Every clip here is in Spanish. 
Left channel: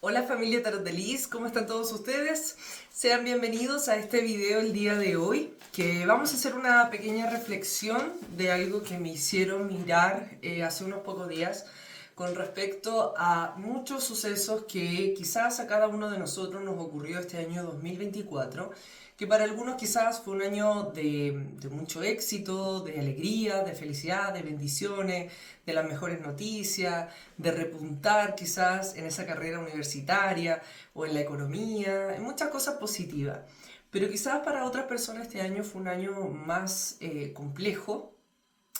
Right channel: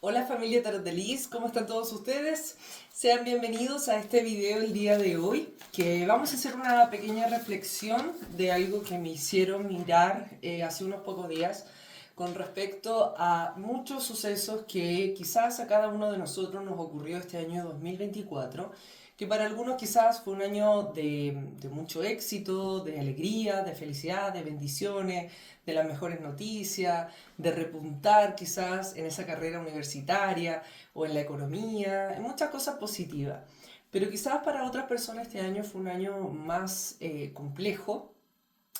Hola familia Tarot de Liz, ¿cómo están todos ustedes? Sean bienvenidos a este video el día de hoy, que vamos a hacer una pequeña reflexión de algo que me hicieron mirar hace unos pocos días con respecto a muchos sucesos que quizás a cada uno de nosotros nos ocurrió este año 2024, que para algunos quizás fue un año de mucho éxito, de alegría, de felicidad, de bendiciones, de las mejores noticias, de repuntar quizás en esa carrera universitaria o en la economía, en muchas cosas positivas. Pero quizás para otras personas este año fue un año más complejo,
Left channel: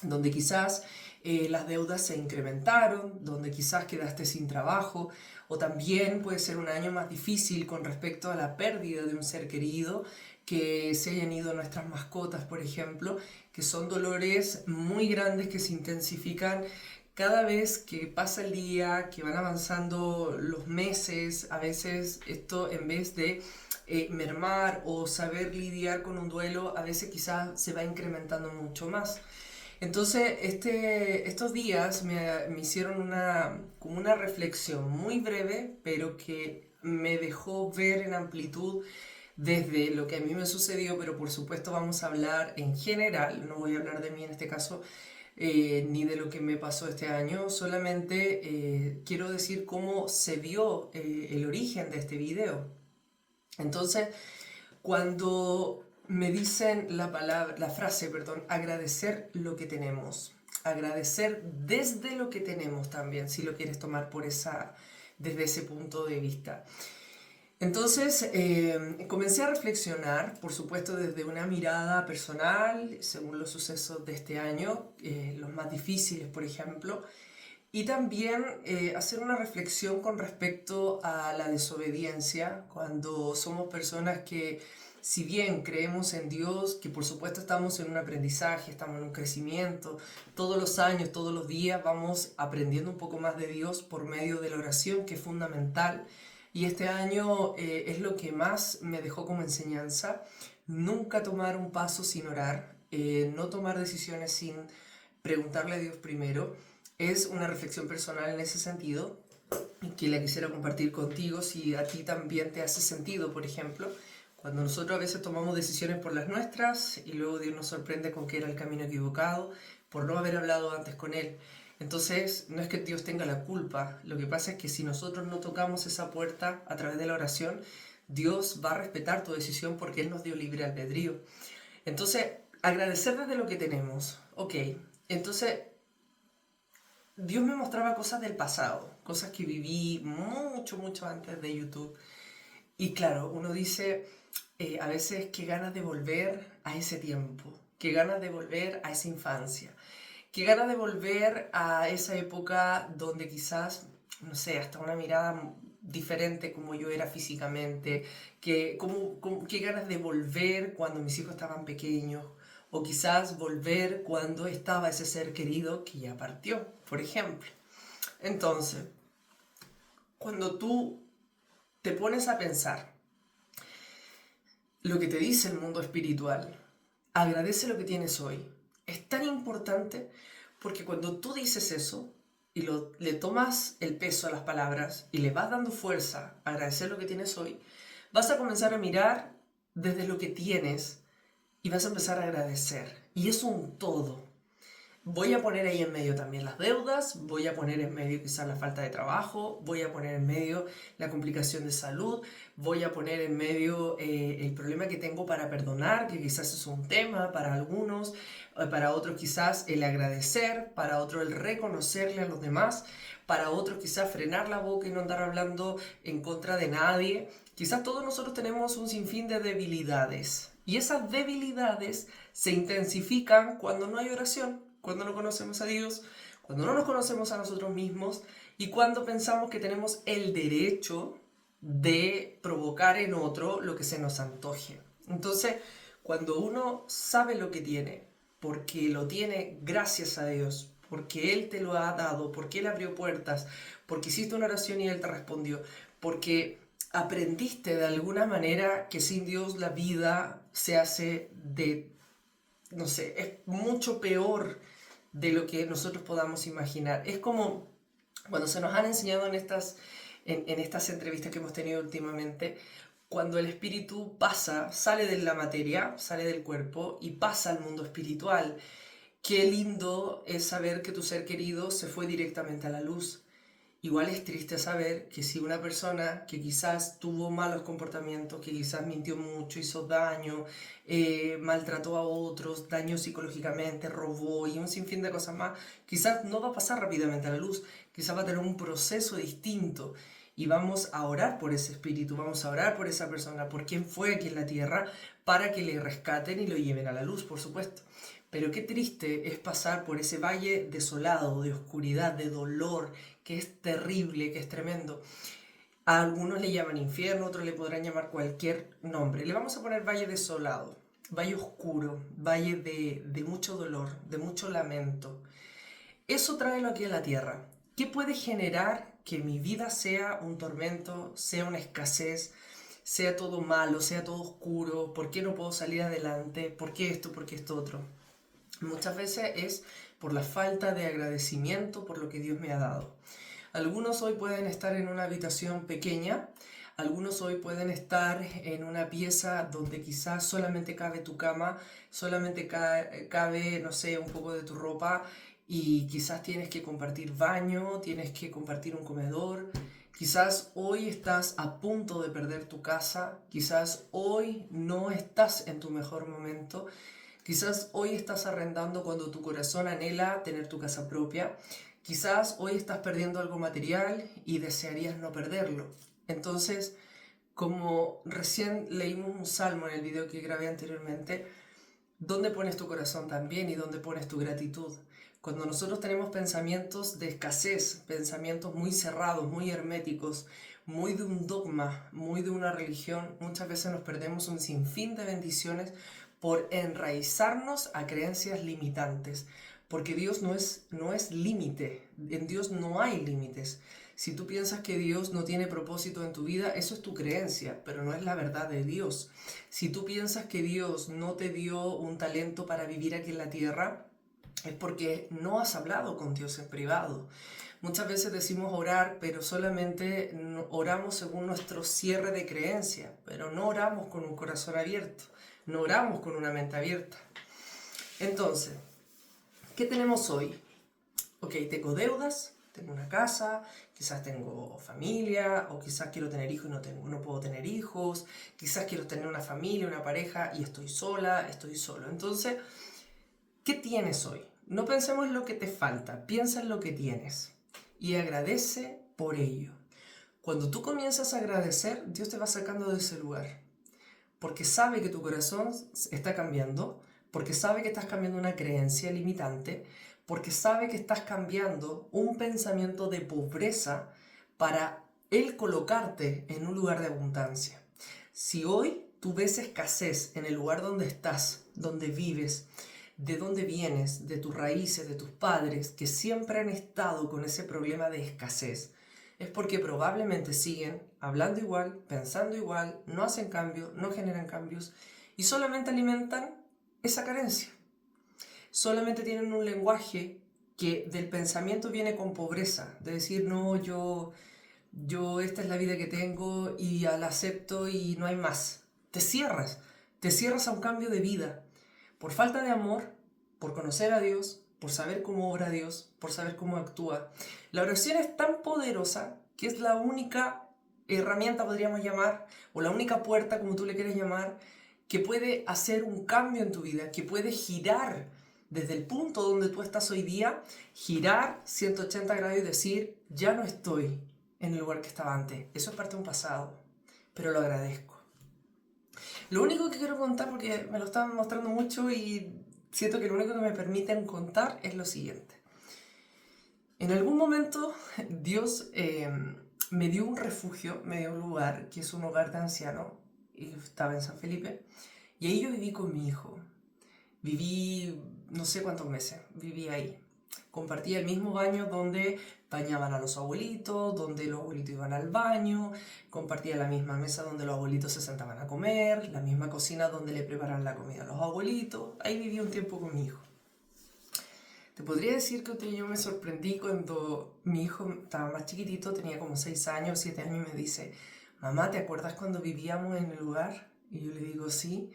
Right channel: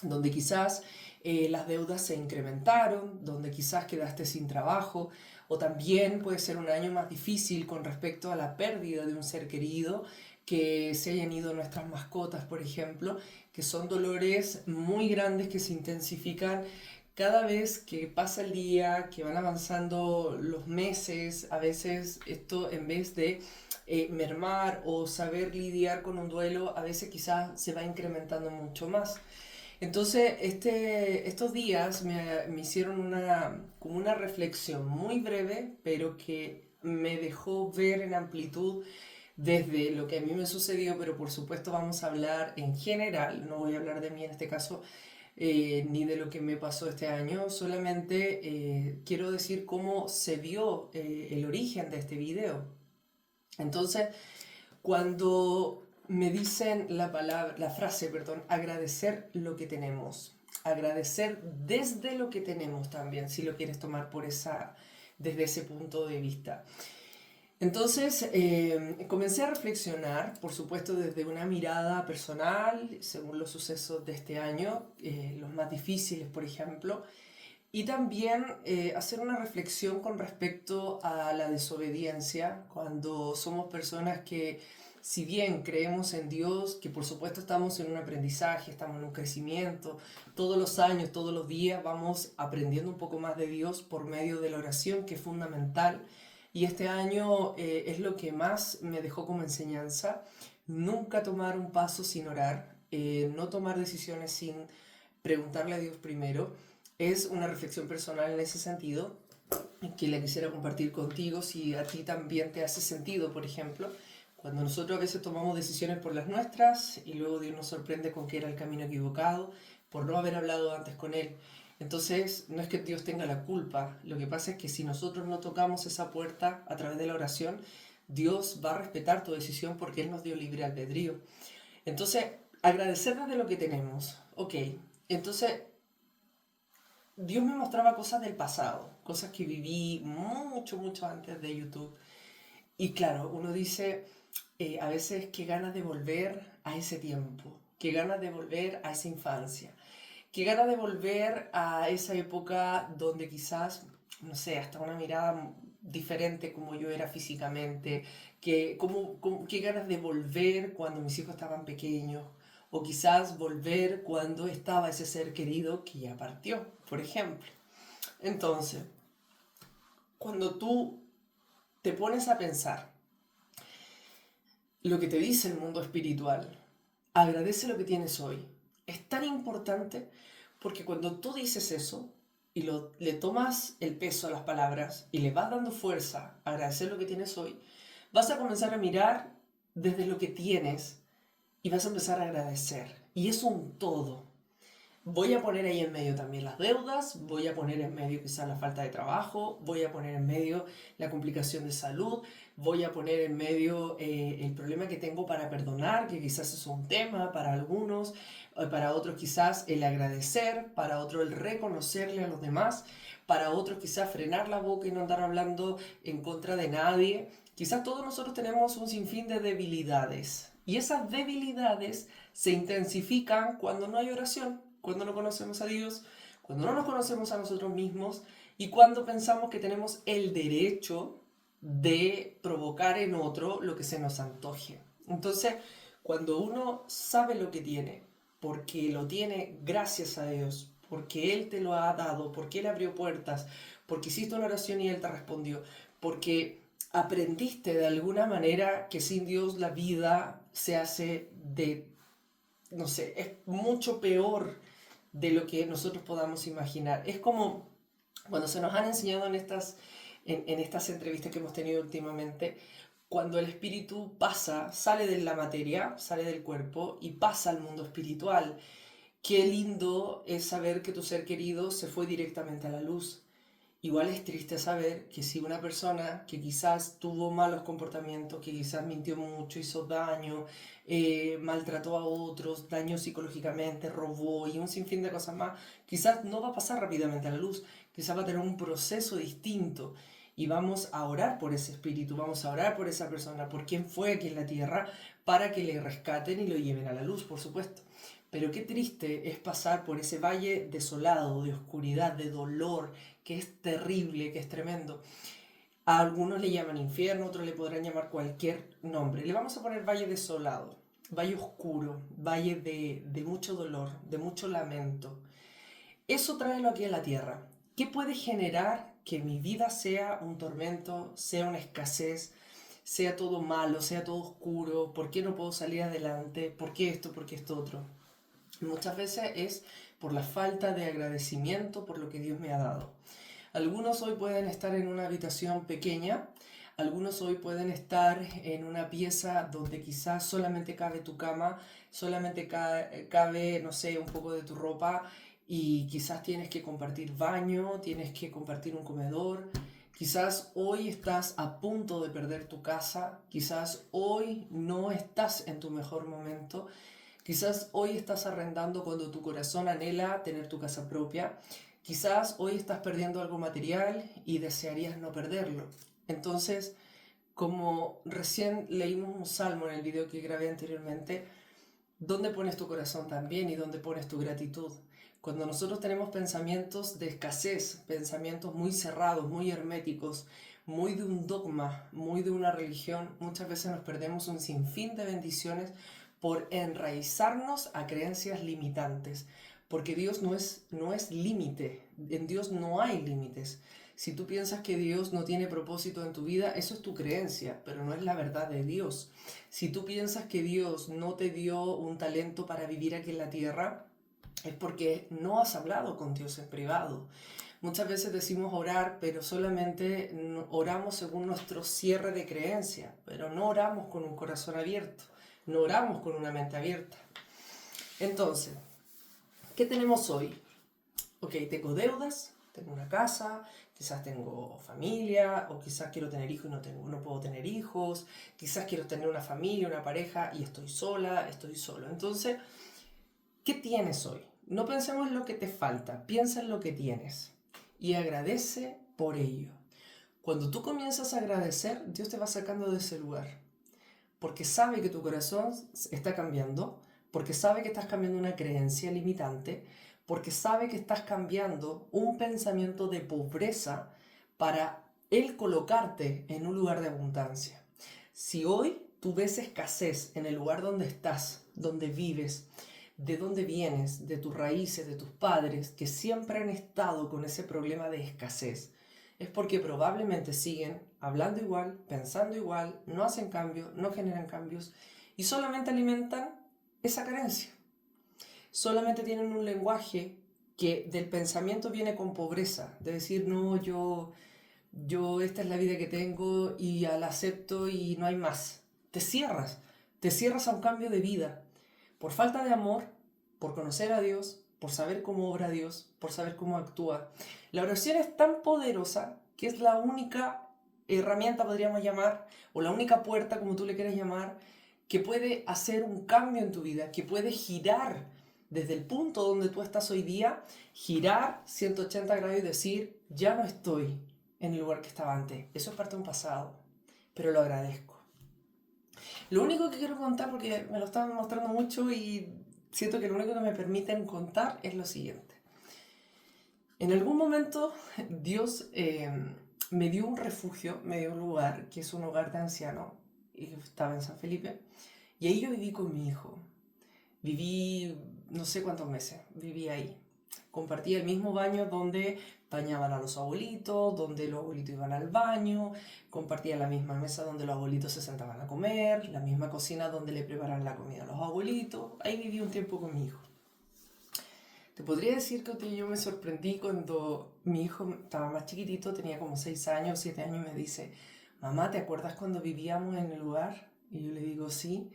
donde quizás las deudas se incrementaron, donde quizás quedaste sin trabajo, o también puede ser un año más difícil con respecto a la pérdida de un ser querido, que se hayan ido nuestras mascotas, por ejemplo, que son dolores muy grandes que se intensifican cada vez que pasa el día, que van avanzando los meses. A veces esto, en vez de mermar o saber lidiar con un duelo, a veces quizás se va incrementando mucho más. Entonces, estos días me hicieron como una reflexión muy breve, pero que me dejó ver en amplitud desde lo que a mí me sucedió, pero por supuesto vamos a hablar en general, no voy a hablar de mí en este caso, ni de lo que me pasó este año, solamente quiero decir cómo se dio el origen de este video. Entonces, cuando me dicen la frase, perdón, agradecer lo que tenemos, agradecer desde lo que tenemos también, si lo quieres tomar desde ese punto de vista. Entonces comencé a reflexionar, por supuesto desde una mirada personal, según los sucesos de este año, los más difíciles, por ejemplo, y también hacer una reflexión con respecto a la desobediencia, cuando somos personas que, si bien creemos en Dios, que por supuesto estamos en un aprendizaje, estamos en un crecimiento, todos los años, todos los días vamos aprendiendo un poco más de Dios por medio de la oración, que es fundamental. Y este año es lo que más me dejó como enseñanza, nunca tomar un paso sin orar, no tomar decisiones sin preguntarle a Dios primero. Es una reflexión personal en ese sentido que la quisiera compartir contigo si a ti también te hace sentido, por ejemplo, cuando nosotros a veces tomamos decisiones por las nuestras y luego Dios nos sorprende con que era el camino equivocado por no haber hablado antes con Él. Entonces, no es que Dios tenga la culpa, lo que pasa es que si nosotros no tocamos esa puerta a través de la oración, Dios va a respetar tu decisión porque Él nos dio libre albedrío. Entonces, agradecer desde lo que tenemos. Ok, entonces Dios me mostraba cosas del pasado, cosas que viví mucho, mucho antes de YouTube. Y claro, uno dice a veces qué ganas de volver a ese tiempo, qué ganas de volver a esa infancia, qué ganas de volver a esa época donde quizás, no sé, hasta una mirada diferente como yo era físicamente, qué ganas de volver cuando mis hijos estaban pequeños, o quizás volver cuando estaba ese ser querido que ya partió, por ejemplo. Entonces, cuando tú te pones a pensar lo que te dice el mundo espiritual, agradece lo que tienes hoy. Es tan importante porque cuando tú dices eso y le tomas el peso a las palabras y le vas dando fuerza a agradecer lo que tienes hoy, vas a comenzar a mirar desde lo que tienes y vas a empezar a agradecer. Y es un todo. Voy a poner ahí en medio también las deudas, voy a poner en medio quizás la falta de trabajo, voy a poner en medio la complicación de salud, voy a poner en medio el problema que tengo para perdonar, que quizás es un tema para algunos, para otros quizás el agradecer, para otros el reconocerle a los demás, para otros quizás frenar la boca y no andar hablando en contra de nadie. Quizás todos nosotros tenemos un sinfín de debilidades y esas debilidades se intensifican cuando no hay oración, cuando no conocemos a Dios, cuando no nos conocemos a nosotros mismos y cuando pensamos que tenemos el derecho de provocar en otro lo que se nos antoje. Entonces, cuando uno sabe lo que tiene, porque lo tiene gracias a Dios, porque Él te lo ha dado, porque Él abrió puertas, porque hiciste una oración y Él te respondió, porque aprendiste de alguna manera que sin Dios la vida se hace no sé, es mucho peor de lo que nosotros podamos imaginar. Es como cuando se nos han enseñado en estas en estas entrevistas que hemos tenido últimamente, cuando el espíritu pasa, sale de la materia, sale del cuerpo y pasa al mundo espiritual. Qué lindo es saber que tu ser querido se fue directamente a la luz. Igual es triste saber que si una persona que quizás tuvo malos comportamientos, que quizás mintió mucho, hizo daño, maltrató a otros, dañó psicológicamente, robó y un sinfín de cosas más, quizás no va a pasar rápidamente a la luz, quizás va a tener un proceso distinto y vamos a orar por ese espíritu, vamos a orar por esa persona, por quien fue aquí en la tierra, para que le rescaten y lo lleven a la luz, por supuesto. Pero qué triste es pasar por ese valle desolado, de oscuridad, de dolor, que es terrible, que es tremendo. A algunos le llaman infierno, otros le podrán llamar cualquier nombre. Le vamos a poner valle desolado, valle oscuro, valle de mucho dolor, de mucho lamento. Eso tráelo aquí a la tierra. ¿Qué puede generar que mi vida sea un tormento, sea una escasez, sea todo malo, sea todo oscuro? ¿Por qué no puedo salir adelante? ¿Por qué esto? ¿Por qué esto otro? Muchas veces es por la falta de agradecimiento por lo que Dios me ha dado. Algunos hoy pueden estar en una habitación pequeña, algunos hoy pueden estar en una pieza donde quizás solamente cabe tu cama, solamente cabe, no sé, un poco de tu ropa y quizás tienes que compartir baño, tienes que compartir un comedor. Quizás hoy estás a punto de perder tu casa, quizás hoy no estás en tu mejor momento. Quizás hoy estás arrendando cuando tu corazón anhela tener tu casa propia. Quizás hoy estás perdiendo algo material y desearías no perderlo. Entonces, como recién leímos un salmo en el video que grabé anteriormente, ¿dónde pones tu corazón también y dónde pones tu gratitud? Cuando nosotros tenemos pensamientos de escasez, pensamientos muy cerrados, muy herméticos, muy de un dogma, muy de una religión, muchas veces nos perdemos un sinfín de bendiciones por enraizarnos a creencias limitantes, porque Dios no es límite, en Dios no hay límites. Si tú piensas que Dios no tiene propósito en tu vida, eso es tu creencia, pero no es la verdad de Dios. Si tú piensas que Dios no te dio un talento para vivir aquí en la tierra, es porque no has hablado con Dios en privado. Muchas veces decimos orar, pero solamente oramos según nuestro cierre de creencia, pero no oramos con un corazón abierto, no oramos con una mente abierta. Entonces, ¿qué tenemos hoy? Ok, tengo deudas, tengo una casa, quizás tengo familia, o quizás quiero tener hijos y no puedo tener hijos, quizás quiero tener una familia, una pareja y estoy sola, estoy solo. Entonces, ¿qué tienes hoy? No pensemos en lo que te falta, piensa en lo que tienes y agradece por ello. Cuando tú comienzas a agradecer, Dios te va sacando de ese lugar, porque sabe que tu corazón está cambiando, porque sabe que estás cambiando una creencia limitante, porque sabe que estás cambiando un pensamiento de pobreza para Él colocarte en un lugar de abundancia. Si hoy tú ves escasez en el lugar donde estás, donde vives, de dónde vienes, de tus raíces, de tus padres, que siempre han estado con ese problema de escasez, es porque probablemente siguen hablando igual, pensando igual, no hacen cambios, no generan cambios y solamente alimentan esa carencia. Solamente tienen un lenguaje que del pensamiento viene con pobreza, de decir, no, yo esta es la vida que tengo y la acepto y no hay más. Te cierras a un cambio de vida por falta de amor, por conocer a Dios, por saber cómo obra Dios, por saber cómo actúa. La oración es tan poderosa que es la única herramienta, podríamos llamar, o la única puerta, como tú le quieras llamar, que puede hacer un cambio en tu vida, que puede girar desde el punto donde tú estás hoy día, girar 180 grados y decir, ya no estoy en el lugar que estaba antes. Eso es parte de un pasado, pero lo agradezco. Lo único que quiero contar, porque me lo estaban mostrando mucho y siento que lo único que me permiten contar es lo siguiente. En algún momento Dios me dio un refugio, me dio un lugar, que es un hogar de ancianos, y estaba en San Felipe, y ahí yo viví con mi hijo. Viví no sé cuántos meses, viví ahí. Compartía el mismo baño donde bañaban a los abuelitos, donde los abuelitos iban al baño, compartía la misma mesa donde los abuelitos se sentaban a comer, la misma cocina donde le preparan la comida a los abuelitos. Ahí viví un tiempo con mi hijo. Te podría decir que yo me sorprendí cuando mi hijo estaba más chiquitito, tenía como 6 años, 7 años, y me dice, mamá, ¿te acuerdas cuando vivíamos en el lugar? Y yo le digo, sí.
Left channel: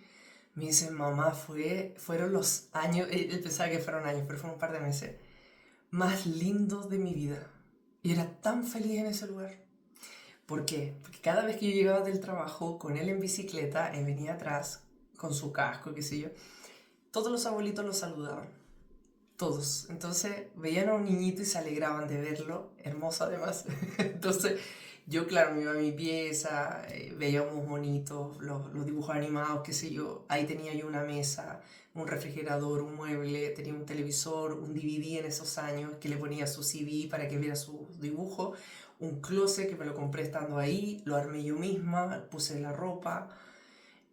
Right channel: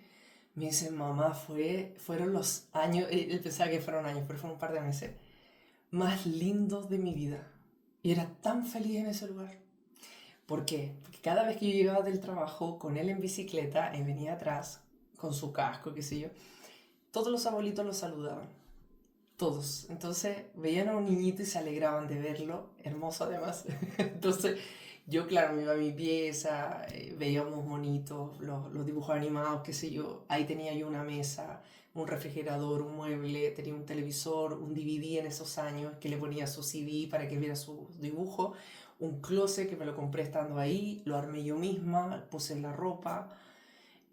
Me dice, mamá, fueron los años, él pensaba que fueron años, pero fueron un par de meses, más lindos de mi vida. Y era tan feliz en ese lugar. ¿Por qué? Porque cada vez que yo llegaba del trabajo con él en bicicleta, él venía atrás con su casco, qué sé yo, todos los abuelitos lo saludaban. Todos. Entonces veían a un niñito y se alegraban de verlo, hermoso además. Entonces yo, claro, me iba a mi pieza, veíamos bonitos los dibujos animados, qué sé yo. Ahí tenía yo una mesa, un refrigerador, un mueble, tenía un televisor, un DVD en esos años que le ponía su CD para que viera sus dibujos, un closet que me lo compré estando ahí, lo armé yo misma, puse la ropa,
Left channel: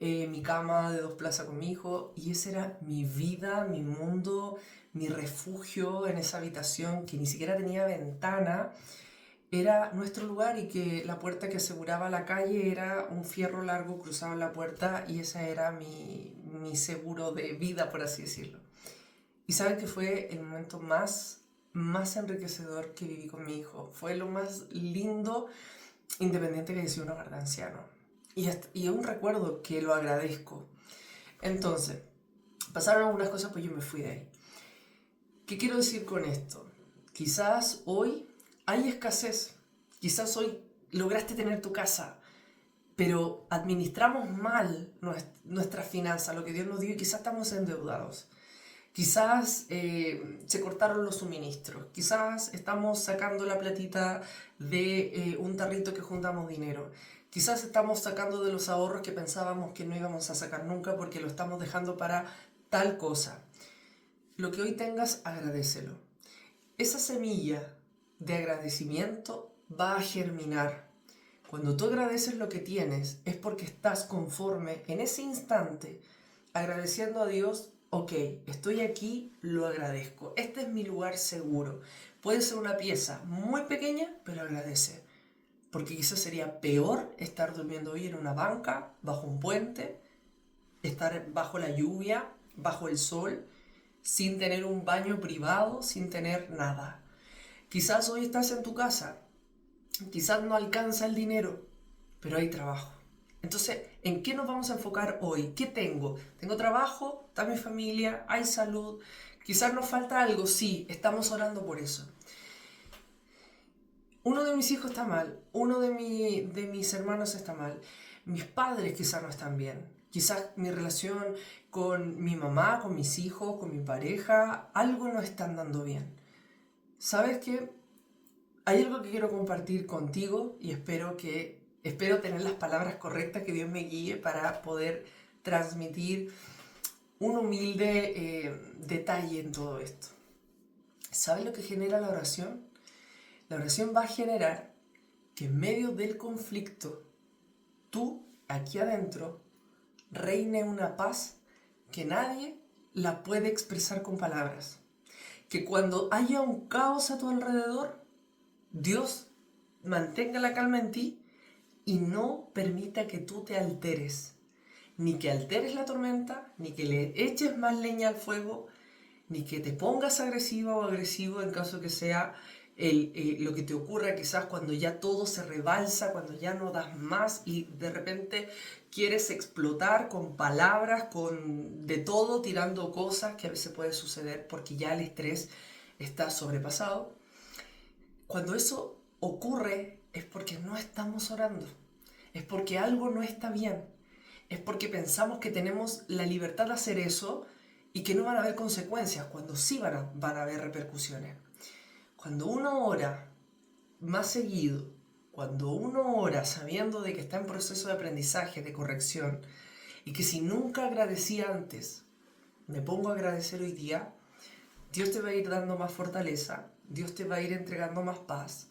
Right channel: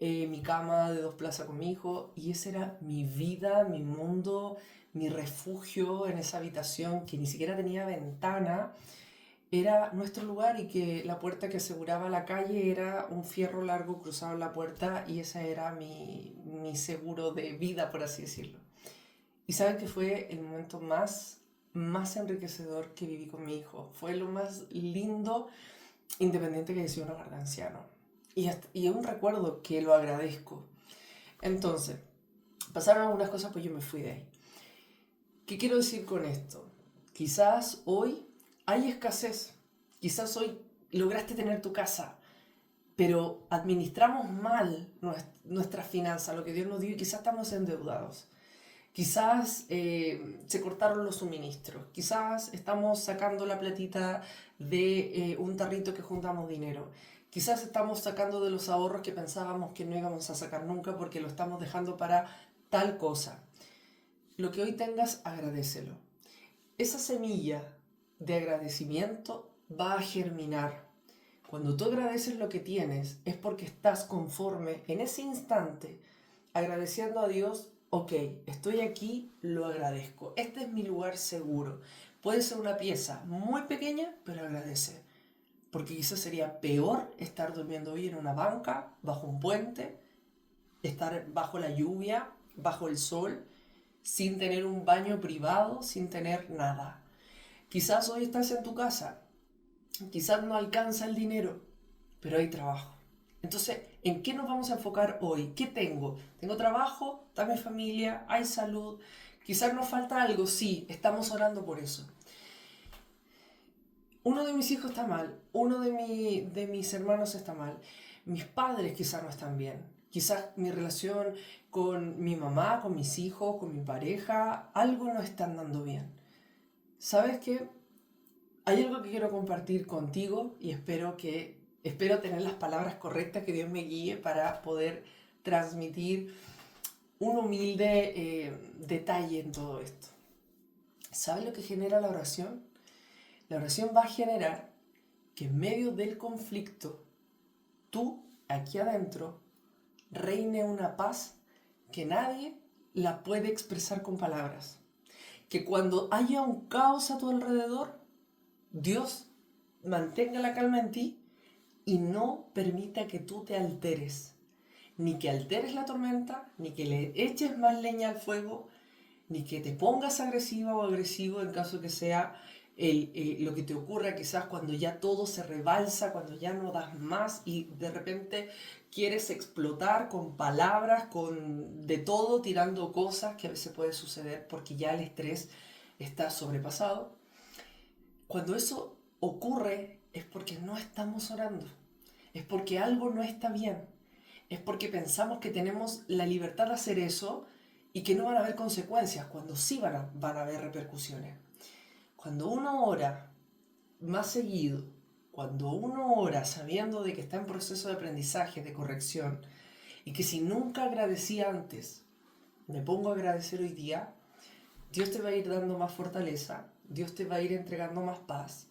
mi cama de 2 plazas con mi hijo, y esa era mi vida, mi mundo, mi refugio en esa habitación que ni siquiera tenía ventana. Era nuestro lugar, y que la puerta que aseguraba la calle era un fierro largo cruzado en la puerta, y ese era mi seguro de vida, por así decirlo. Y sabes que fue el momento más enriquecedor que viví con mi hijo. Fue lo más lindo, independiente que haya sido un hogar de ancianos. Y aún recuerdo que lo agradezco. Entonces, pasaron algunas cosas, pues yo me fui de ahí. ¿Qué quiero decir con esto? Quizás hoy hay escasez. Quizás hoy lograste tener tu casa, pero administramos mal nuestras finanzas, lo que Dios nos dio, y quizás estamos endeudados. Quizás se cortaron los suministros. Quizás estamos sacando la platita de un tarrito que juntamos dinero. Quizás estamos sacando de los ahorros que pensábamos que no íbamos a sacar nunca porque lo estamos dejando para tal cosa. Lo que hoy tengas, agradécelo. Esa semilla de agradecimiento va a germinar. Cuando tú agradeces lo que tienes, es porque estás conforme en ese instante, agradeciendo a Dios. Ok, estoy aquí, lo agradezco. Este es mi lugar seguro. Puede ser una pieza muy pequeña, pero agradece. Porque quizás sería peor estar durmiendo hoy en una banca, bajo un puente, estar bajo la lluvia, bajo el sol, sin tener un baño privado, sin tener nada. Quizás hoy estás en tu casa, quizás no alcanza el dinero, pero hay trabajo. Entonces, ¿en qué nos vamos a enfocar hoy? ¿Qué tengo? Tengo trabajo, está mi familia, hay salud. Quizás nos falta algo, sí, estamos orando por eso. Uno de mis hijos está mal, uno de mis hermanos está mal, mis padres quizás no están bien. Quizás mi relación con mi mamá, con mis hijos, con mi pareja, algo no está andando bien. ¿Sabes qué? Hay algo que quiero compartir contigo, y espero tener las palabras correctas, que Dios me guíe para poder transmitir un humilde detalle en todo esto. ¿Sabes lo que genera la oración? La oración va a generar que en medio del conflicto, tú, aquí adentro, reine una paz que nadie la puede expresar con palabras. Que cuando haya un caos a tu alrededor, Dios mantenga la calma en ti y no permita que tú te alteres. Ni que alteres la tormenta, ni que le eches más leña al fuego, ni que te pongas agresiva o agresivo en caso que sea lo que te ocurra quizás cuando ya todo se rebalsa, cuando ya no das más y de repente quieres explotar con palabras, con de todo, tirando cosas, que a veces puede suceder porque ya el estrés está sobrepasado. Cuando eso ocurre es porque no estamos orando, es porque algo no está bien, es porque pensamos que tenemos la libertad de hacer eso y que no van a haber consecuencias, cuando sí van a haber repercusiones. Cuando uno ora más seguido, cuando uno ora sabiendo de que está en proceso de aprendizaje, de corrección, y que si nunca agradecí antes, me pongo a agradecer hoy día, Dios te va a ir dando más fortaleza, Dios te va a ir entregando más paz,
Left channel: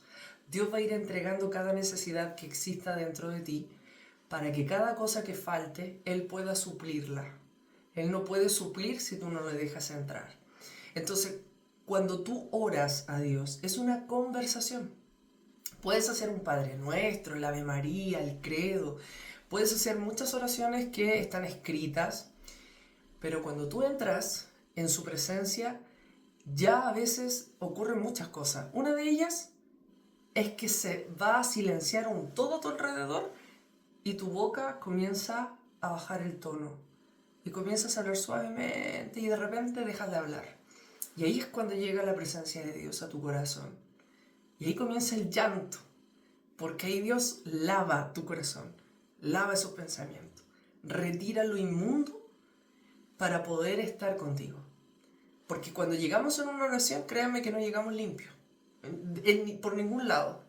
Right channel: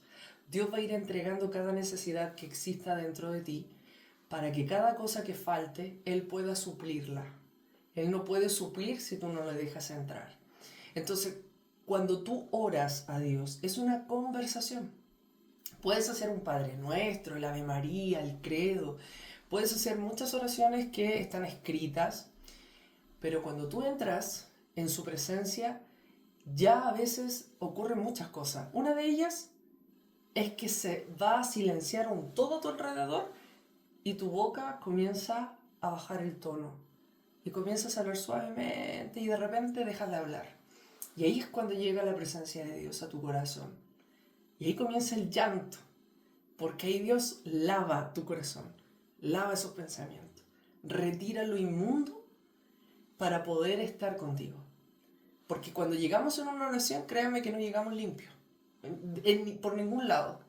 Dios va a ir entregando cada necesidad que exista dentro de ti, para que cada cosa que falte, Él pueda suplirla. Él no puede suplir si tú no le dejas entrar. Entonces, cuando tú oras a Dios, es una conversación. Puedes hacer un Padre Nuestro, el Ave María, el Credo. Puedes hacer muchas oraciones que están escritas, pero cuando tú entras en su presencia, ya a veces ocurren muchas cosas. Una de ellas es que se va a silenciar todo a tu alrededor y tu boca comienza a bajar el tono y comienzas a hablar suavemente y de repente dejas de hablar. Y ahí es cuando llega la presencia de Dios a tu corazón. Y ahí comienza el llanto, porque ahí Dios lava tu corazón, lava esos pensamientos, retira lo inmundo para poder estar contigo. Porque cuando llegamos en una oración, créanme que no llegamos limpios, por ningún lado.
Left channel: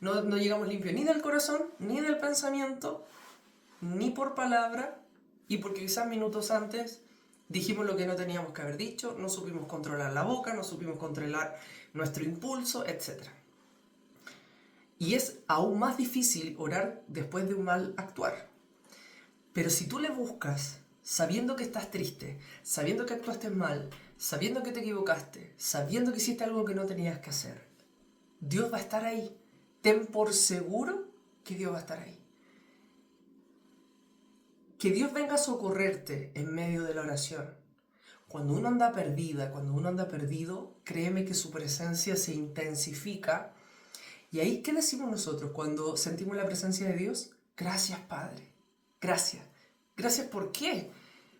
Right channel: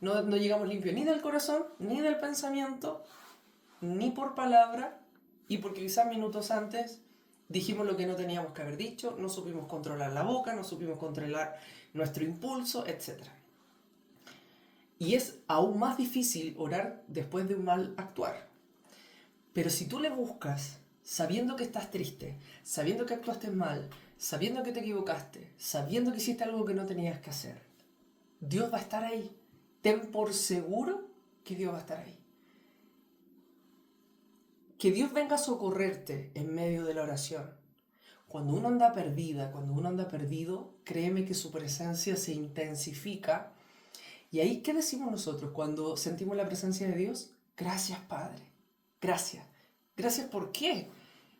No llegamos limpios ni del corazón, ni del pensamiento, ni por palabra, y porque quizás minutos antes dijimos lo que no teníamos que haber dicho, no supimos controlar la boca, no supimos controlar nuestro impulso, etc. Y es aún más difícil orar después de un mal actuar. Pero si tú le buscas, sabiendo que estás triste, sabiendo que actuaste mal, sabiendo que te equivocaste, sabiendo que hiciste algo que no tenías que hacer, Dios va a estar ahí. Ten por seguro que Dios va a estar ahí. Que Dios venga a socorrerte en medio de la oración. Cuando uno anda perdida, cuando uno anda perdido, créeme que su presencia se intensifica. Y ahí, ¿qué decimos nosotros cuando sentimos la presencia de Dios? Gracias, Padre. Gracias. Gracias, ¿por qué?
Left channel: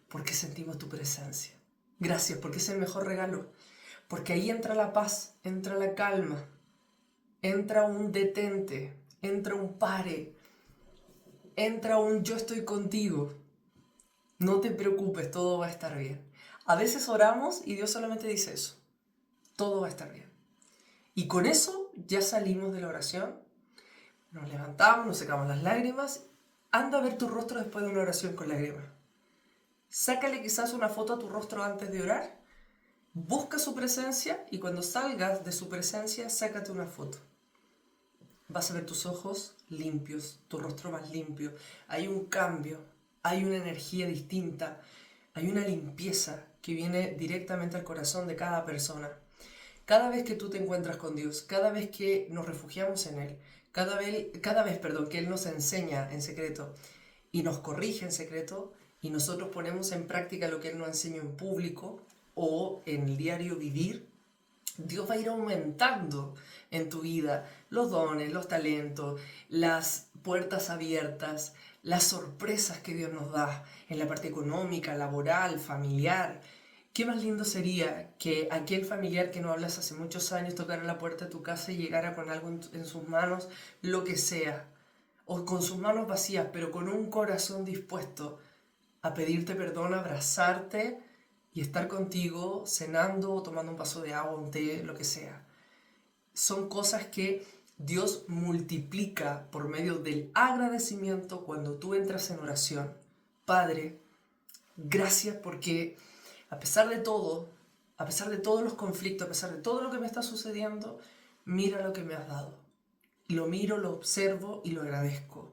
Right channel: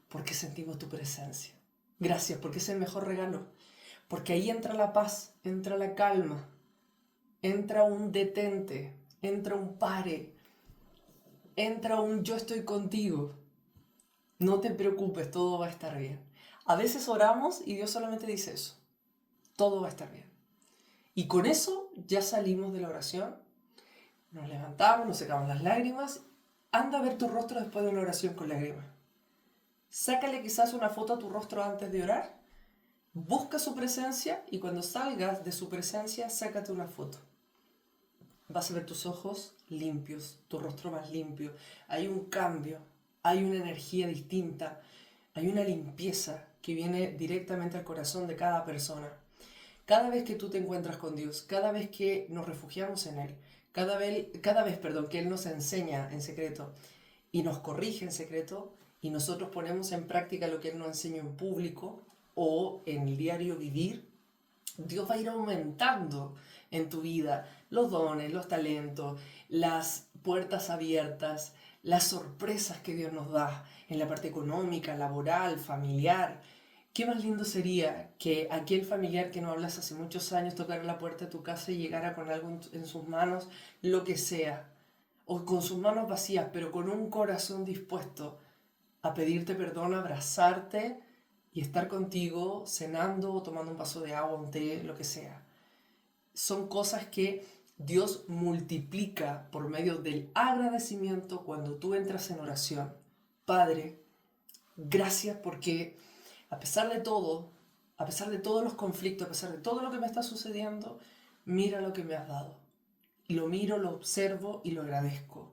Porque sentimos tu presencia. Gracias, porque es el mejor regalo. Porque ahí entra la paz, entra la calma, entra un detente, entra un pare, entra un yo estoy contigo. No te preocupes, todo va a estar bien. A veces oramos y Dios solamente dice eso. Todo va a estar bien. Y con eso ya salimos de la oración, nos levantamos, nos secamos las lágrimas. Anda a ver tu rostro después de una oración con lágrimas. Sácale quizás una foto a tu rostro antes de orar. Busca su presencia y cuando salgas de su presencia, sácate una foto. Vas a ver tus ojos limpios, tu rostro más limpio. Hay un cambio, hay una energía distinta, hay una limpieza que viene directamente al corazón de cada persona. Cada vez que tú te encuentras con Dios, cada vez que nos refugiamos en Él, cada vez, que Él nos enseña en secreto y nos corrige en secreto y nosotros ponemos en práctica lo que Él nos enseña en público o en el diario vivir, Dios va a ir aumentando en tu vida los dones, los talentos, las puertas abiertas, las sorpresas que Dios nos da en la parte económica, laboral, familiar. ¿Qué más lindo sería que aquel familiar que no hablas hace muchos años tocara la puerta de tu casa y llegara con algo en sus manos, lo que sea, o con sus manos vacías, pero con un corazón dispuesto a pedirte perdón, a abrazarte y estar contigo cenando o tomando un vaso de agua, un té, lo que sea? Son cosas que Dios multiplica por medio del agradecimiento cuando tú entras en oración. Padre, gracias porque a pesar de todo, a pesar de todos los conflictos, a pesar de todo lo que me está sucediendo, mira lo que me has dado. Lo miro, lo observo y lo agradezco.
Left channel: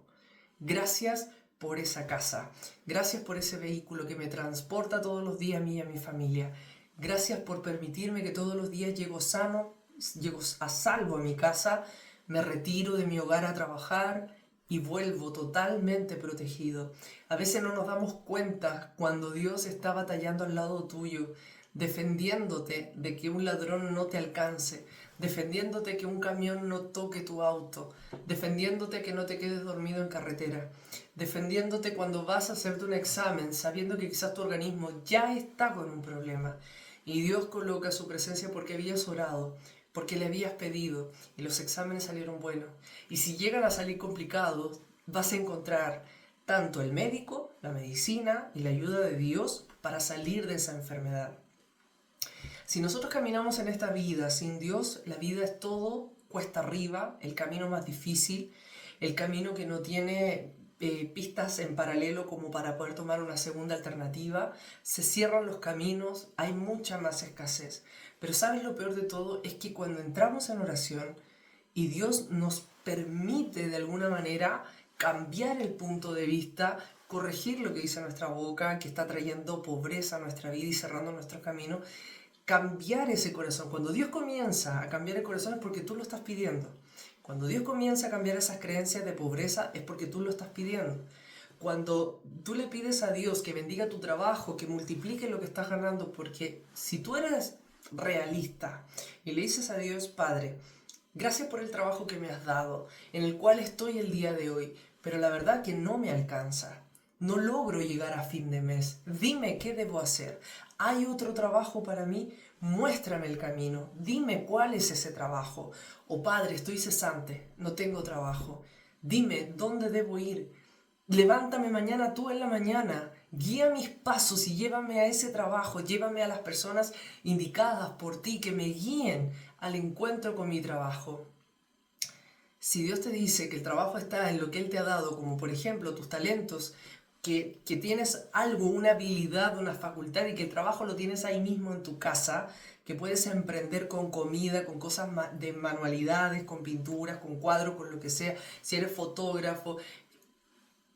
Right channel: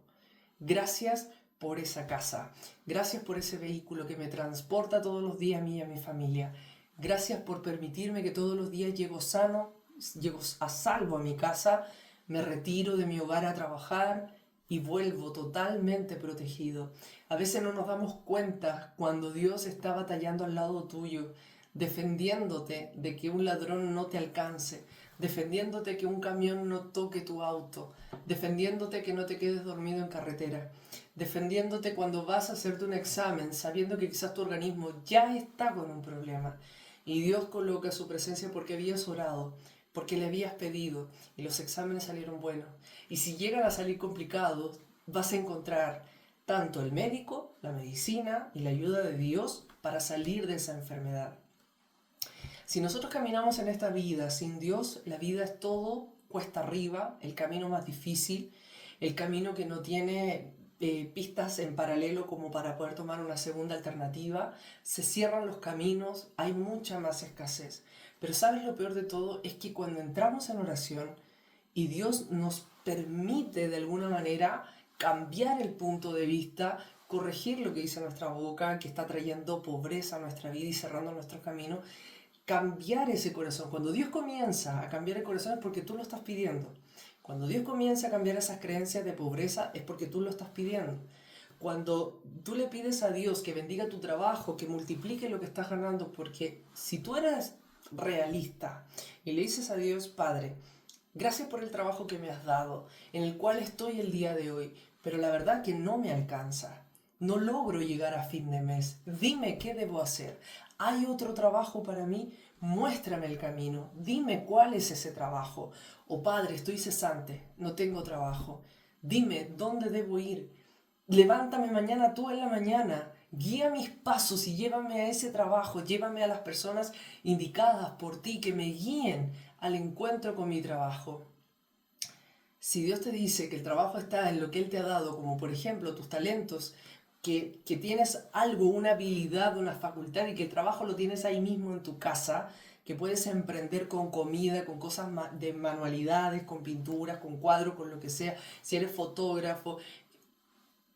Gracias por esa casa. Gracias por ese vehículo que me transporta todos los días a mí y a mi familia. Gracias por permitirme que todos los días llego sano, llego a salvo a mi casa, me retiro de mi hogar a trabajar y vuelvo totalmente protegido. A veces no nos damos cuenta cuando Dios está batallando al lado tuyo, defendiéndote de que un ladrón no te alcance, defendiéndote que un camión no toque tu auto, defendiéndote que no te quedes dormido en carretera, defendiéndote cuando vas a hacerte un examen sabiendo que quizás tu organismo ya está con un problema y Dios coloca su presencia porque habías orado, porque le habías pedido y los exámenes salieron buenos. Y si llegan a salir complicados, vas a encontrar tanto el médico, la medicina y la ayuda de Dios para salir de esa enfermedad. Si nosotros caminamos en esta vida sin Dios, la vida es todo cuesta arriba, el camino más difícil, el camino que no tiene pistas en paralelo como para poder tomar una segunda alternativa, se cierran los caminos, hay mucha más escasez. Pero ¿sabes lo peor de todo? Es que cuando entramos en oración y Dios nos permite de alguna manera cambiar el punto de vista, corregir lo que dice nuestra boca, que está trayendo pobreza a nuestra vida y cerrando nuestro camino, cambiar ese corazón. Cuando Dios comienza a cambiar el corazón es porque tú lo estás pidiendo. Cuando Dios comienza a cambiar esas creencias de pobreza es porque tú lo estás pidiendo. Cuando tú le pides a Dios que bendiga tu trabajo, que multiplique lo que estás ganando, porque si tú eres realista. Y le dices a Dios, Padre, gracias por el trabajo que me has dado, en el cual estoy el día de hoy, pero la verdad que no me alcanza. No logro llegar a fin de mes. Dime qué debo hacer. ¿Hay otro trabajo para mí? Muéstrame el camino. Dime cuál es ese trabajo. O Padre, estoy cesante, no tengo trabajo. Dime dónde debo ir. Levántame mañana tú en la mañana. Guía mis pasos y llévame a ese trabajo. Llévame a las personas indicadas por ti que me guíen al encuentro con mi trabajo. Si Dios te dice que el trabajo está en lo que Él te ha dado, como por ejemplo tus talentos, que tienes algo, una habilidad, una facultad y que el trabajo lo tienes ahí mismo en tu casa, que puedes emprender con comida, con cosas de manualidades, con pinturas, con cuadros, con lo que sea, si eres fotógrafo,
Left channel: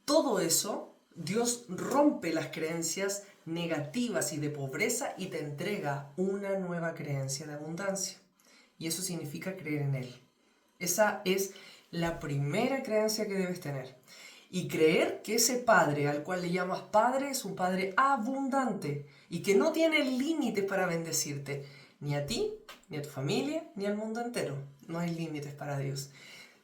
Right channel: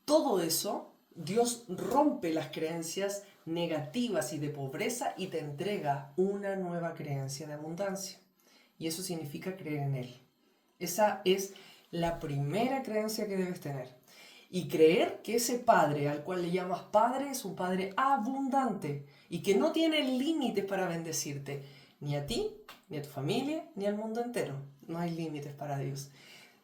todo eso, Dios rompe las creencias negativas y de pobreza y te entrega una nueva creencia de abundancia. Y eso significa creer en Él. Esa es la primera creencia que debes tener. Y creer que ese Padre al cual le llamas Padre es un Padre abundante y que no tiene límites para bendecirte, ni a ti, ni a tu familia, ni al mundo entero. No hay límites para Dios.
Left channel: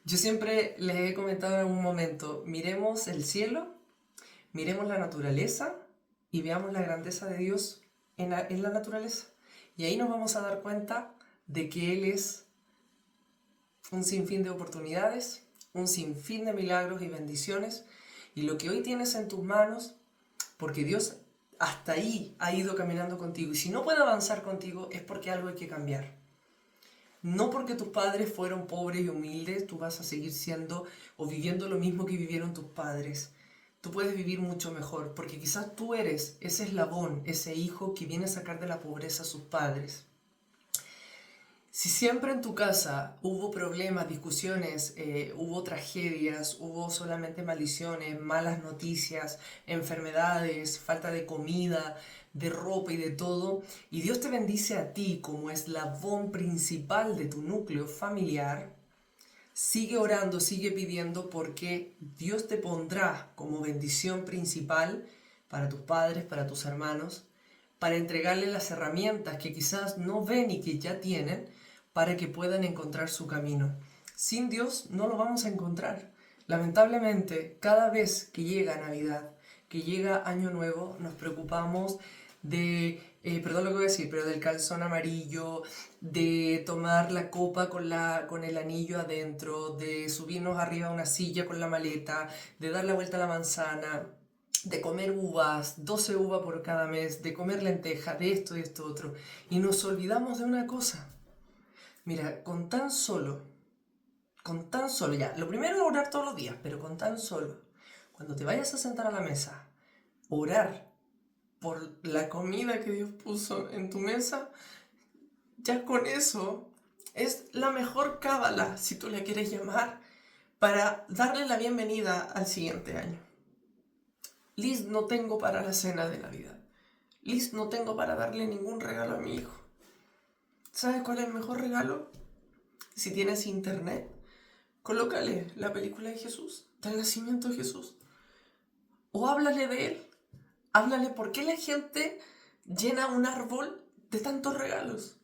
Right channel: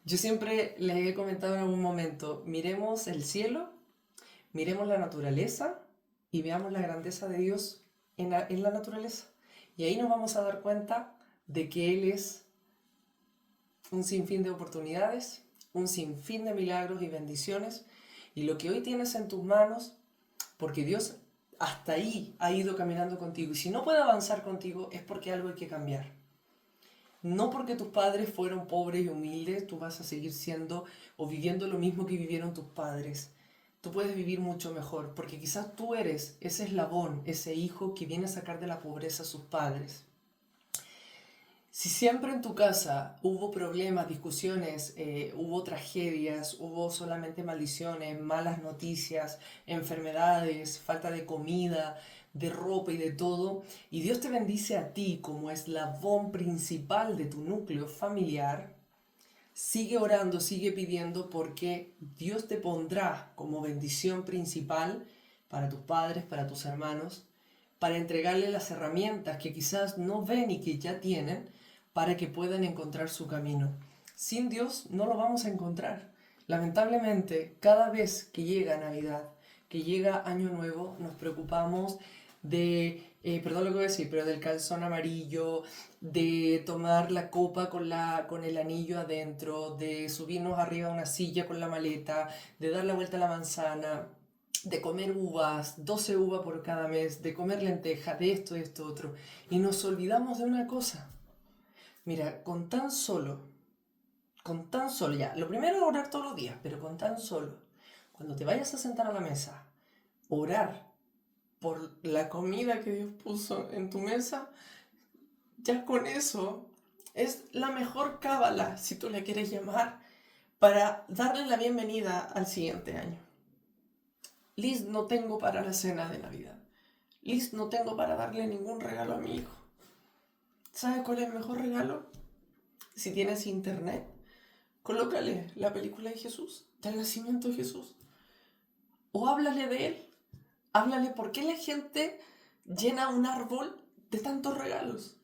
Yo siempre les he comentado en algún momento, miremos el cielo, miremos la naturaleza y veamos la grandeza de Dios en la naturaleza. Y ahí nos vamos a dar cuenta de que Él es un sinfín de oportunidades, un sinfín de milagros y bendiciones. Y lo que hoy tienes en tus manos, porque Dios hasta ahí ha ido caminando contigo. Y si no puede avanzar contigo es porque algo hay que cambiar. No porque tus padres fueron pobres y humildes, tú vas a seguir siendo o viviendo lo mismo que vivieron tus padres. Tú puedes vivir mucho mejor, porque quizás tú eres ese eslabón, ese hijo que viene a sacar de la pobreza a sus padres. Si siempre en tu casa hubo problemas, discusiones, hubo tragedias, hubo solamente maldiciones, malas noticias, enfermedades, falta de comida, de ropa y de todo, y Dios te bendice a ti como eslabón principal de tu núcleo familiar, sigue orando, sigue pidiendo porque Dios te pondrá como bendición principal para tus padres, para tus hermanos, para entregarle las herramientas que quizás no ven y que ya tienen, para que puedan encontrar su camino. Sin Dios no lo vamos a encontrar. Lamentablemente, cada vez que llega Navidad, que llega Año Nuevo, nos preocupamos de, perdón lo que voy a decir, pero del calzón amarillo, de tomar la copa con el anillo adentro, de subirnos arriba a una silla con la maleta, de dar la vuelta a la manzana, de comer uvas, 12 uvas por cada mes, de comer lenteja, de esto y esto otro. Y nos olvidamos de una cosa. Mira, con tan solo, ya, lo primero es orar todos los días, pero con tan solo, cuando te vayas a sentar a la mesa, orar por la comida que Dios puso en tu mesa, ya con eso es la mejor cábala, si tú le quieres llamar, para darle la bienvenida al siguiente año. Liz, no tengo para la cena de Navidad. Liz, no tengo para darle ningún regalo a mi hijo. ¿Sabes cuál es el mejor regalo? Si tienes internet, colócale la película de Jesús, del nacimiento de Jesús. O háblale de él. Háblale por qué la gente llena un árbol de tantos regalos.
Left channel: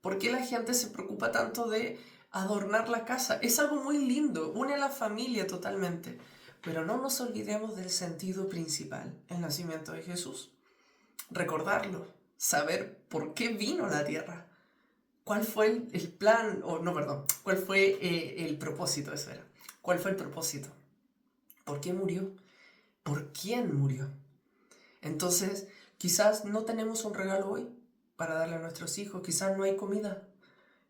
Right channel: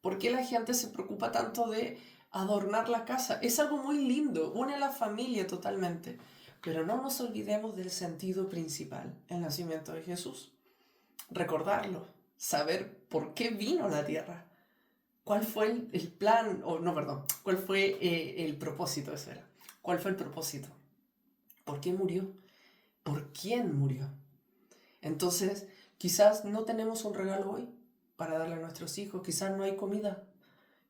¿Por qué la gente se preocupa tanto de adornar la casa? Es algo muy lindo, une a la familia totalmente. Pero no nos olvidemos del sentido principal, el nacimiento de Jesús. Recordarlo, saber por qué vino a la tierra. ¿Cuál fue el plan? ¿Cuál fue el propósito? Eso era. ¿Cuál fue el propósito? ¿Por qué murió? ¿Por quién murió? Entonces, quizás no tenemos un regalo hoy para darle a nuestros hijos, quizás no hay comida,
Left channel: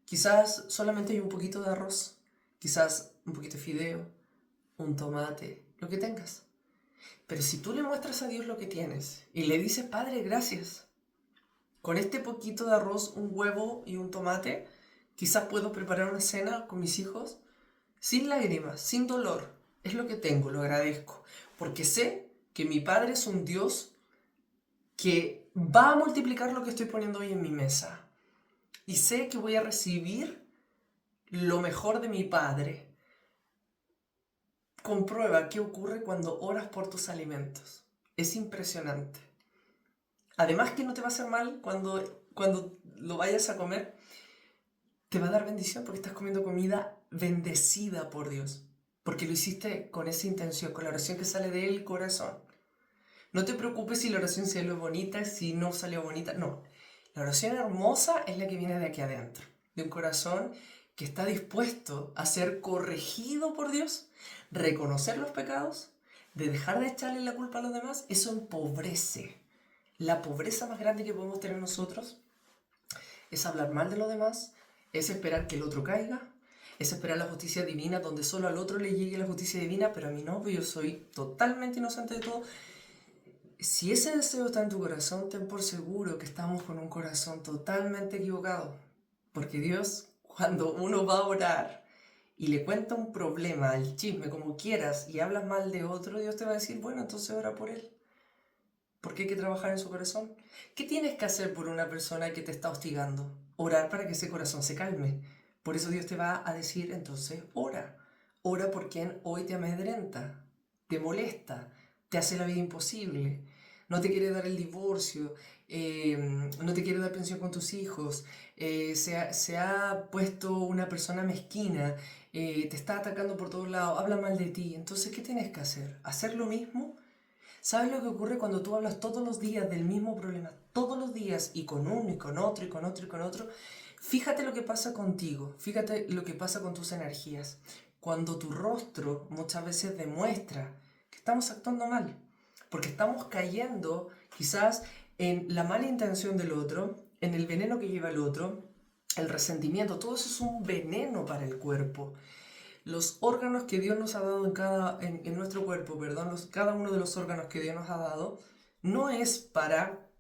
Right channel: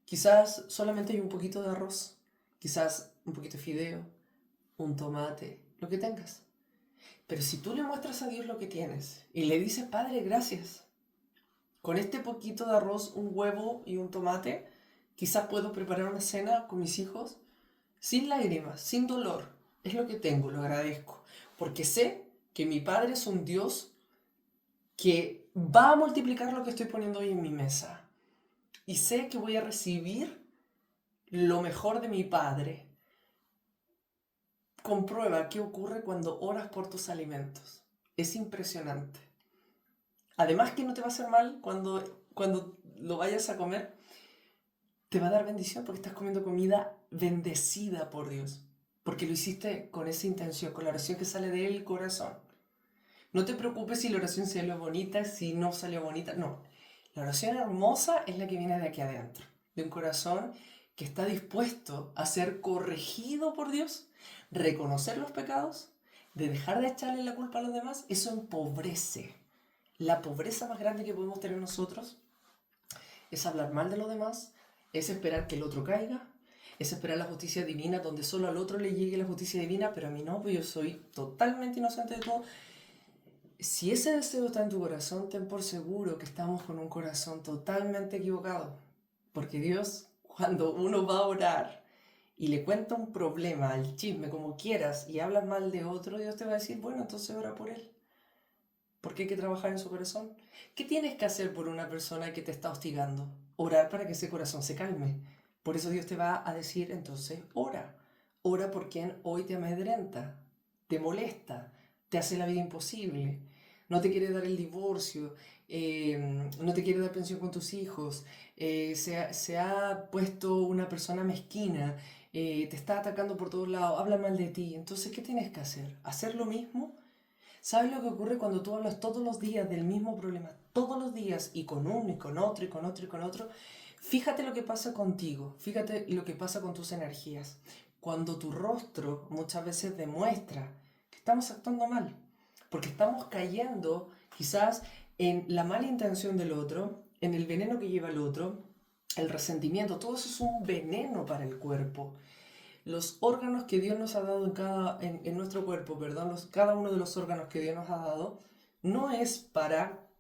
quizás solamente hay un poquito de arroz, quizás un poquito de fideo, un tomate, lo que tengas. Pero si tú le muestras a Dios lo que tienes y le dices, Padre, gracias, con este poquito de arroz, un huevo y un tomate, quizás puedo preparar una cena con mis hijos sin lágrimas, sin dolor. Es lo que tengo, lo agradezco, porque sé que mi Padre es un Dios que va a multiplicar lo que estoy poniendo hoy en mi mesa. Y sé que voy a recibir lo mejor de mi Padre. Comprueba qué ocurre cuando oras por tus alimentos. Es impresionante. Además que no te va a hacer mal cuando lo vayas a comer, te va a dar bendición porque estás comiendo comida bendecida por Dios. Porque lo hiciste con esa intención, con la oración que sale del corazón. No te preocupes si la oración salió bonita, si no salió bonita. No, la oración hermosa es la que viene de aquí adentro. De un corazón que está dispuesto a ser corregido por Dios, reconocer los pecados, de dejar de echarle la culpa a los demás. Eso empobrece. La pobreza más grande que podemos tener nosotros es hablar mal de los demás, es esperar que el otro caiga, es esperar la justicia divina donde solo al otro le llegue la justicia divina, pero a mí no, pues yo soy totalmente inocente de todo. Si ese deseo está en tu corazón, ten por seguro que estamos con un corazón totalmente equivocado. Porque Dios, cuando uno va a orar y le cuenta un problema, el chisme, como quieras, y hablas mal de otro, Dios te va a decir, bueno, entonces ora por él. Porque hay que trabajar en su corazón. ¿Qué tienes que hacer por una persona que te está hostigando? Orar para que ese corazón se calme. Por eso Dios te va a decir, entonces, ora. Ora por quien hoy te amedrenta, te molesta, te hace la vida imposible, no te quiere dar el divorcio, no te quiere dar pensión con tus hijos, se ha puesto una persona mezquina, te está atacando por todos lados, habla mal de ti. Entonces, ¿qué tienes que hacer? ¿Hacer lo mismo? ¿Sabes lo que ocurre cuando tú hablas todos los días del mismo problema? Todos los días, y con uno, y con otro, y con otro, y con otro. Fíjate lo que pasa contigo, fíjate lo que pasa con tus energías. Cuando tu rostro muchas veces demuestra que estamos actuando mal, porque estamos cayendo quizás en la mala intención del otro, en el veneno que lleva el otro, el resentimiento, todo eso es un veneno para el cuerpo. Los órganos que Dios nos ha dado en nuestro cuerpo, perdón, cada uno de los órganos que Dios nos ha dado, no es para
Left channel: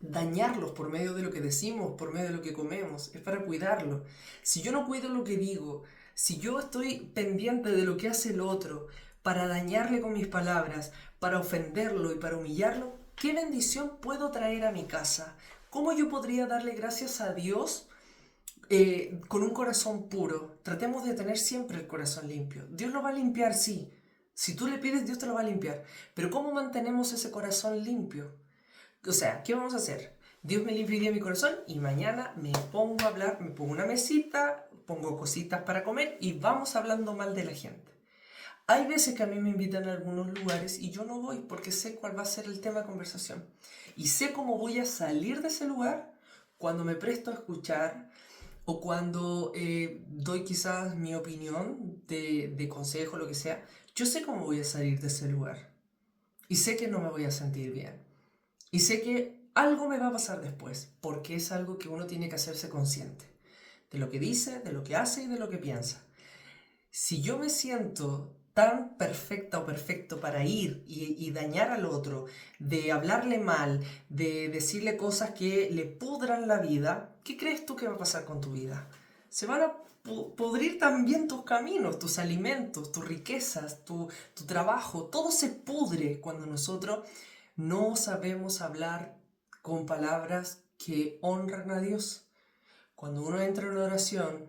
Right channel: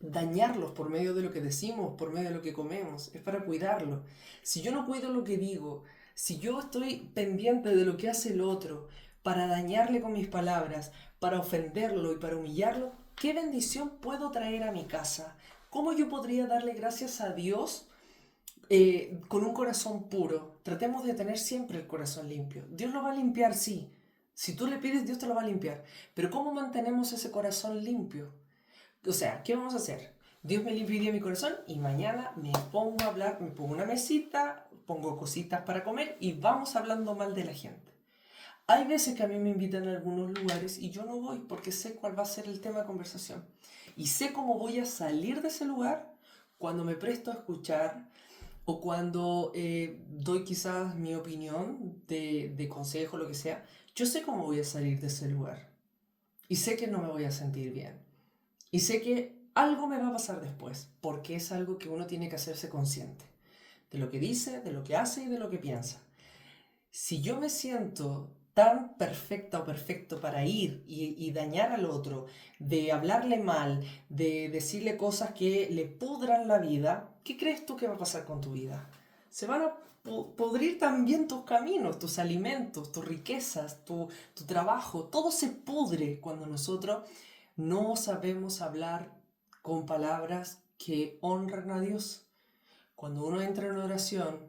dañarlos por medio de lo que decimos, por medio de lo que comemos, es para cuidarlo. Si yo no cuido lo que digo, si yo estoy pendiente de lo que hace el otro, para dañarle con mis palabras, para ofenderlo y para humillarlo, ¿qué bendición puedo traer a mi casa? ¿Cómo yo podría darle gracias a Dios con un corazón puro? Tratemos de tener siempre el corazón limpio. Dios lo va a limpiar, sí. Si tú le pides, Dios te lo va a limpiar. Pero ¿cómo mantenemos ese corazón limpio? O sea, ¿qué vamos a hacer? Dios me limpiaría mi corazón y mañana me pongo a hablar, me pongo una mesita, pongo cositas para comer y vamos hablando mal de la gente. Hay veces que a mí me invitan a algunos lugares y yo no voy porque sé cuál va a ser el tema de conversación. Y sé cómo voy a salir de ese lugar cuando me presto a escuchar o cuando doy quizás mi opinión de consejo, lo que sea. Yo sé cómo voy a salir de ese lugar. Y sé que no me voy a sentir bien. Y sé que algo me va a pasar después, porque es algo que uno tiene que hacerse consciente. De lo que dice, de lo que hace y de lo que piensa. Si yo me siento tan perfecta o perfecto para ir y dañar al otro, de hablarle mal, de decirle cosas que le pudran la vida, ¿qué crees tú que va a pasar con tu vida? Se van a podrir también tus caminos, tus alimentos, tus riquezas, tu trabajo. Todo se pudre cuando nosotros no sabemos hablar con palabras que honran a Dios. Cuando uno entra en oración,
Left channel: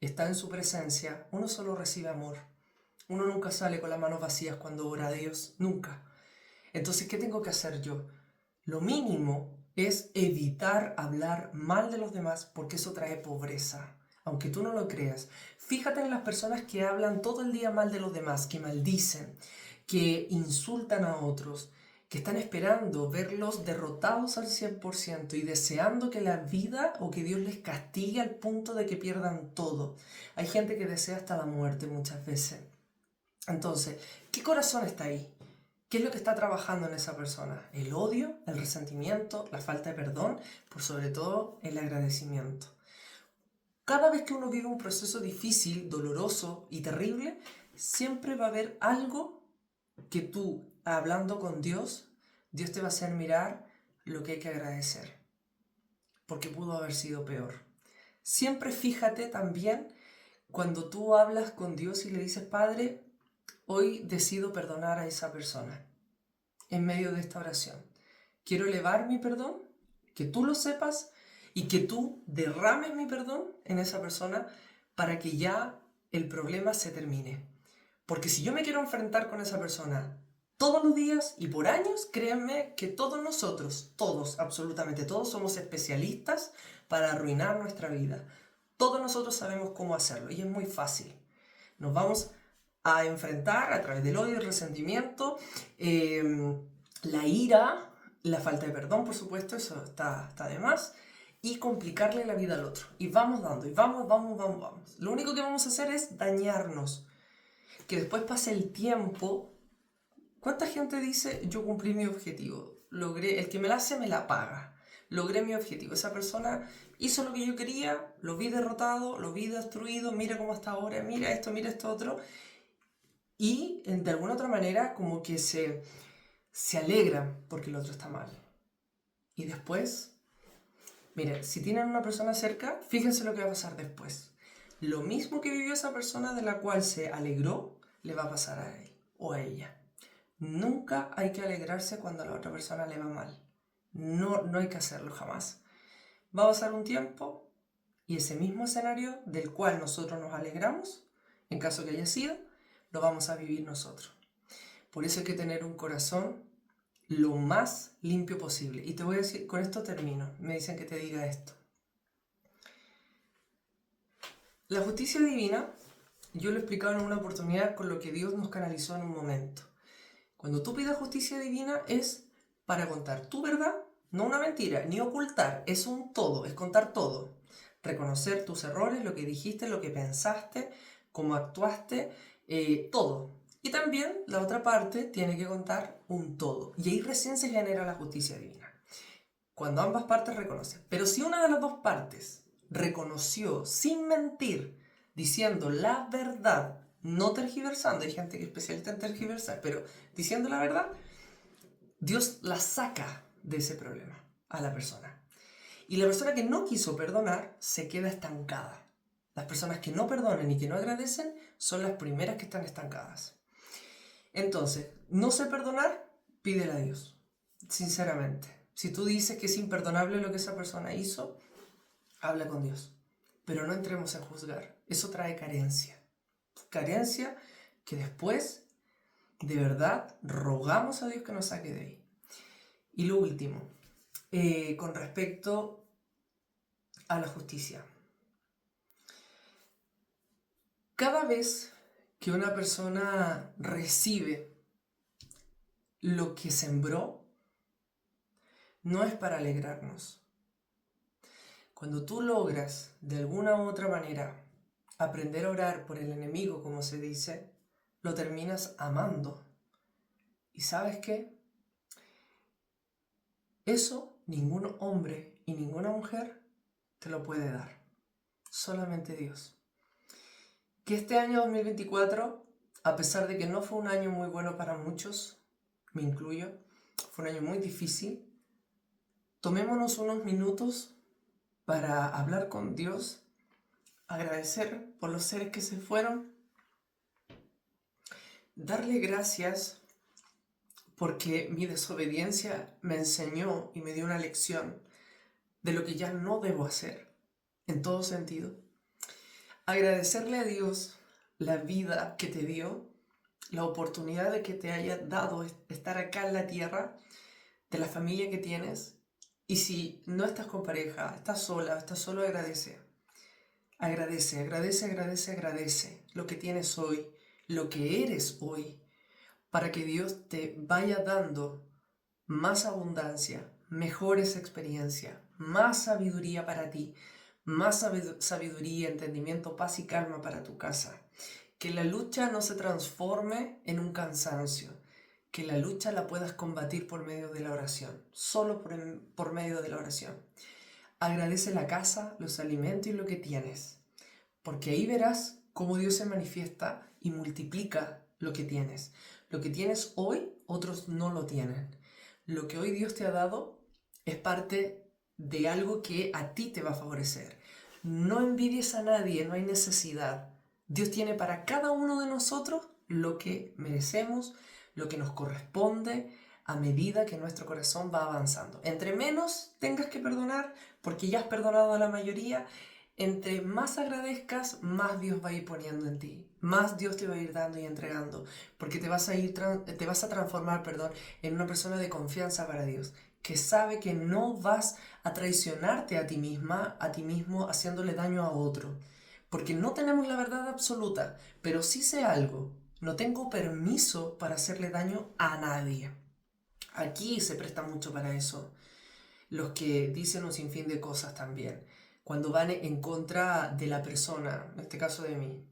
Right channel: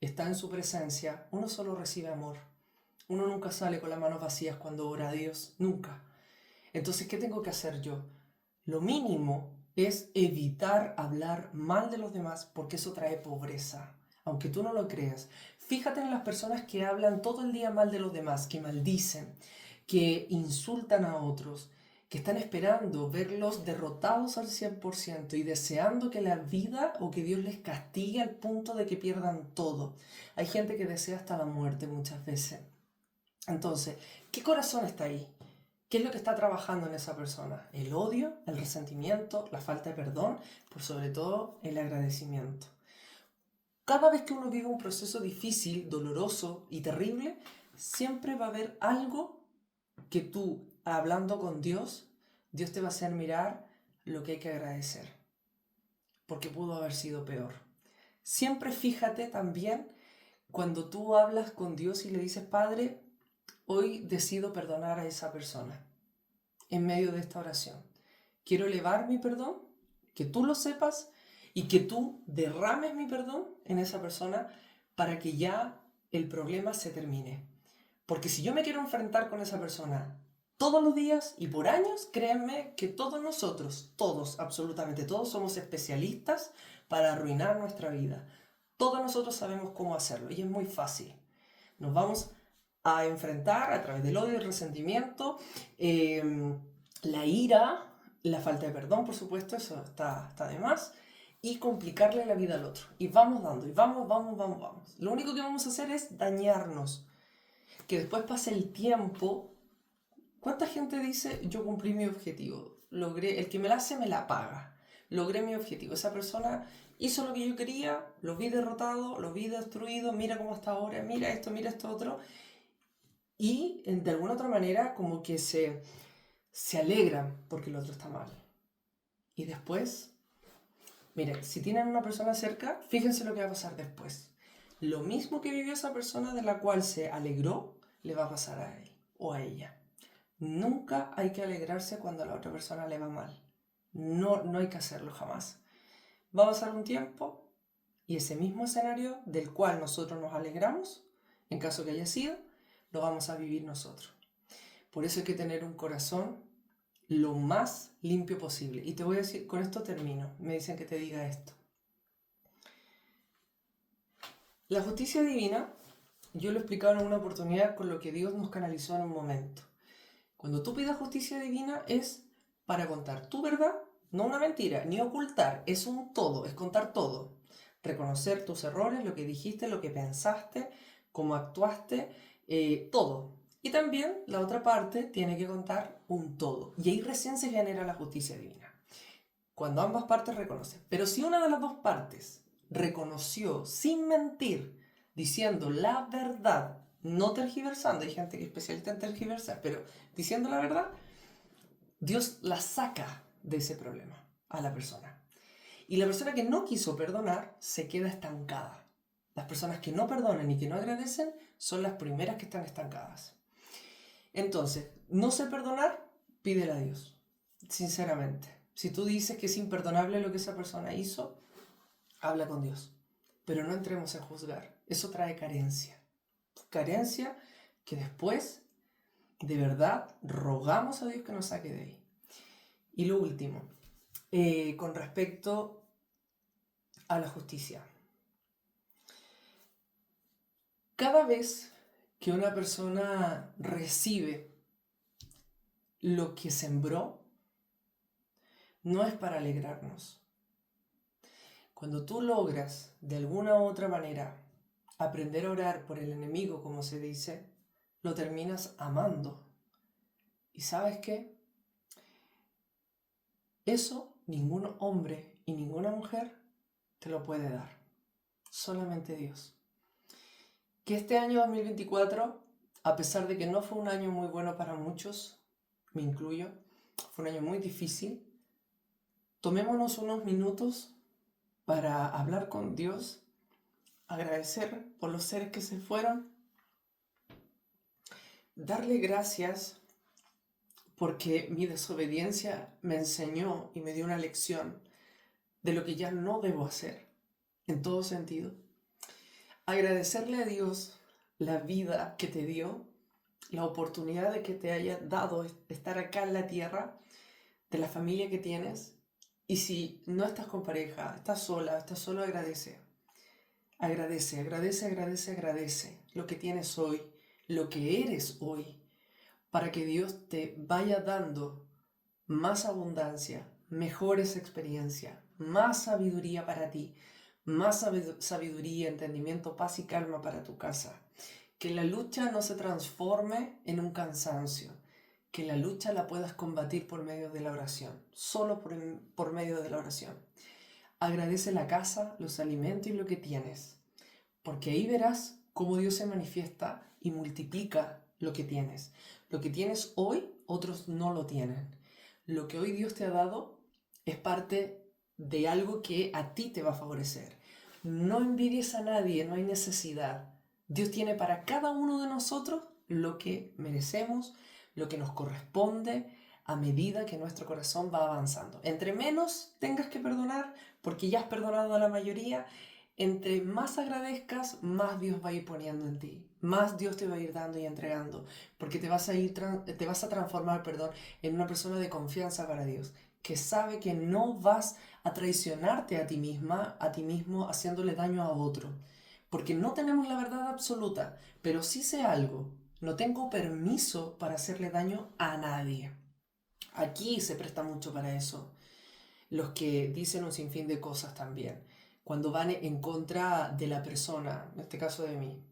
está en su presencia, uno solo recibe amor. Uno nunca sale con las manos vacías cuando ora a Dios, nunca. Entonces, ¿qué tengo que hacer yo? Lo mínimo es evitar hablar mal de los demás porque eso trae pobreza, aunque tú no lo creas. Fíjate en las personas que hablan todo el día mal de los demás, que maldicen, que insultan a otros, que están esperando verlos derrotados al 100% y deseando que la vida o que Dios les castigue al punto de que pierdan todo. Hay gente que desea hasta la muerte muchas veces. Entonces, ¿qué corazón está ahí? ¿Qué es lo que está trabajando en esa persona? ¿El odio, el resentimiento, la falta de perdón? Por sobre todo, el agradecimiento. Cada vez que uno vive un proceso difícil, doloroso y terrible, siempre va a haber algo que tú, hablando con Dios, Dios te va a hacer mirar lo que hay que agradecer, porque pudo haber sido peor. Siempre fíjate también cuando tú hablas con Dios y le dices, Padre, hoy decido perdonar a esa persona en medio de esta oración. Quiero elevar mi perdón, que tú lo sepas y que tú derrames mi perdón en esa persona para que ya el problema se termine. Porque si yo me quiero enfrentar con esa persona todos los días y por años, créanme que todos nosotros, todos, absolutamente todos, somos especialistas para arruinar nuestra vida. Todos nosotros sabemos cómo hacerlo y es muy fácil. Nos vamos a enfrentar a través del odio y el resentimiento, la ira, la falta de perdón, por supuesto, eso está de más, y complicarle la vida al otro. Y vamos dando, y vamos. Lo único que vamos a hacer es dañarnos. Que después pase el tiempo. ¿Cuánta gente dice, yo cumplí mi objetivo? Logré, el que me la hace me la paga. Logré mi objetivo. Esa persona hizo lo que yo quería, lo vi derrotado, lo vi destruido, mira cómo está ahora, mira esto otro. Y de alguna otra manera como que se alegran porque el otro está mal. Y después, miren, si tienen una persona cerca, fíjense lo que va a pasar después. Lo mismo que vivió esa persona de la cual se alegró, le va a pasar a él o a ella. Nunca hay que alegrarse cuando a la otra persona le va mal. No hay que hacerlo jamás. Va a pasar un tiempo y ese mismo escenario del cual nosotros nos alegramos, en caso que haya sido, lo vamos a vivir nosotros. Por eso hay que tener un corazón lo más limpio posible. Y te voy a decir, con esto termino. Me dicen que te diga esto. La justicia divina, yo lo he explicado en una oportunidad con lo que Dios nos canalizó en un momento. Cuando tú pidas justicia divina es para contar tu verdad, no una mentira, ni ocultar, es un todo, es contar todo. Reconocer tus errores, lo que dijiste, lo que pensaste, cómo actuaste, todo. Y también la otra parte tiene que contar un todo. Y ahí recién se genera la justicia divina. Cuando ambas partes reconocen. Pero si una de las dos partes reconoció sin mentir, diciendo la verdad, no tergiversando, hay gente que es especialista en tergiversar, pero diciendo la verdad, Dios la saca de ese problema a la persona. Y la persona que no quiso perdonar se queda estancada. Las personas que no perdonan y que no agradecen son las primeras que están estancadas. Entonces, no sé perdonar, pídele a Dios, sinceramente. Si tú dices que es imperdonable lo que esa persona hizo, habla con Dios. Pero no entremos en juzgar. Eso trae carencia. Carencia que después, de verdad, rogamos a Dios que nos saque de ahí. Y lo último, con respecto a la justicia. Cada vez que una persona recibe lo que sembró, no es para alegrarnos. Cuando tú logras, de alguna u otra manera, aprender a orar por el enemigo, como se dice, lo terminas amando. ¿Y sabes qué? Eso ningún hombre y ninguna mujer te lo puede dar. Solamente Dios. Que este año 2024, a pesar de que no fue un año muy bueno para muchos, me incluyo, fue un año muy difícil, tomémonos unos minutos para hablar con Dios, agradecer por los seres que se fueron, darle gracias porque mi desobediencia me enseñó y me dio una lección de lo que ya no debo hacer, en todo sentido. Agradecerle a Dios la vida que te dio, la oportunidad de que te haya dado estar acá en la tierra, de la familia que tienes. Y si no estás con pareja, estás sola, estás solo, agradece. Agradece lo que tienes hoy, lo que eres hoy, para que Dios te vaya dando más abundancia, mejores experiencias, más sabiduría para ti, más sabiduría, entendimiento, paz y calma para tu casa. Que la lucha no se transforme en un cansancio, que la lucha la puedas combatir por medio de la oración, solo por medio de la oración. Agradece la casa, los alimentos y lo que tienes, porque ahí verás cómo Dios se manifiesta y multiplica lo que tienes. Lo que tienes hoy, otros no lo tienen. Lo que hoy Dios te ha dado es parte de algo que a ti te va a favorecer. No envidies a nadie, no hay necesidad. Dios tiene para cada uno de nosotros lo que merecemos, lo que nos corresponde a medida que nuestro corazón va avanzando. Entre menos tengas que perdonar, porque ya has perdonado a la mayoría, entre más agradezcas, más Dios va a ir poniendo en ti, más Dios te va a ir dando y entregando, porque te vas a transformar, en una persona de confianza para Dios, que sabe que no vas a traicionarte a ti misma, a ti mismo, haciéndole daño a otro. Porque no tenemos la verdad absoluta, pero sí sé algo, no tengo permiso para hacerle daño a nadie. Aquí se presta mucho para eso. Los que dicen un sinfín de cosas también, cuando van en contra de la persona, en este caso de mí.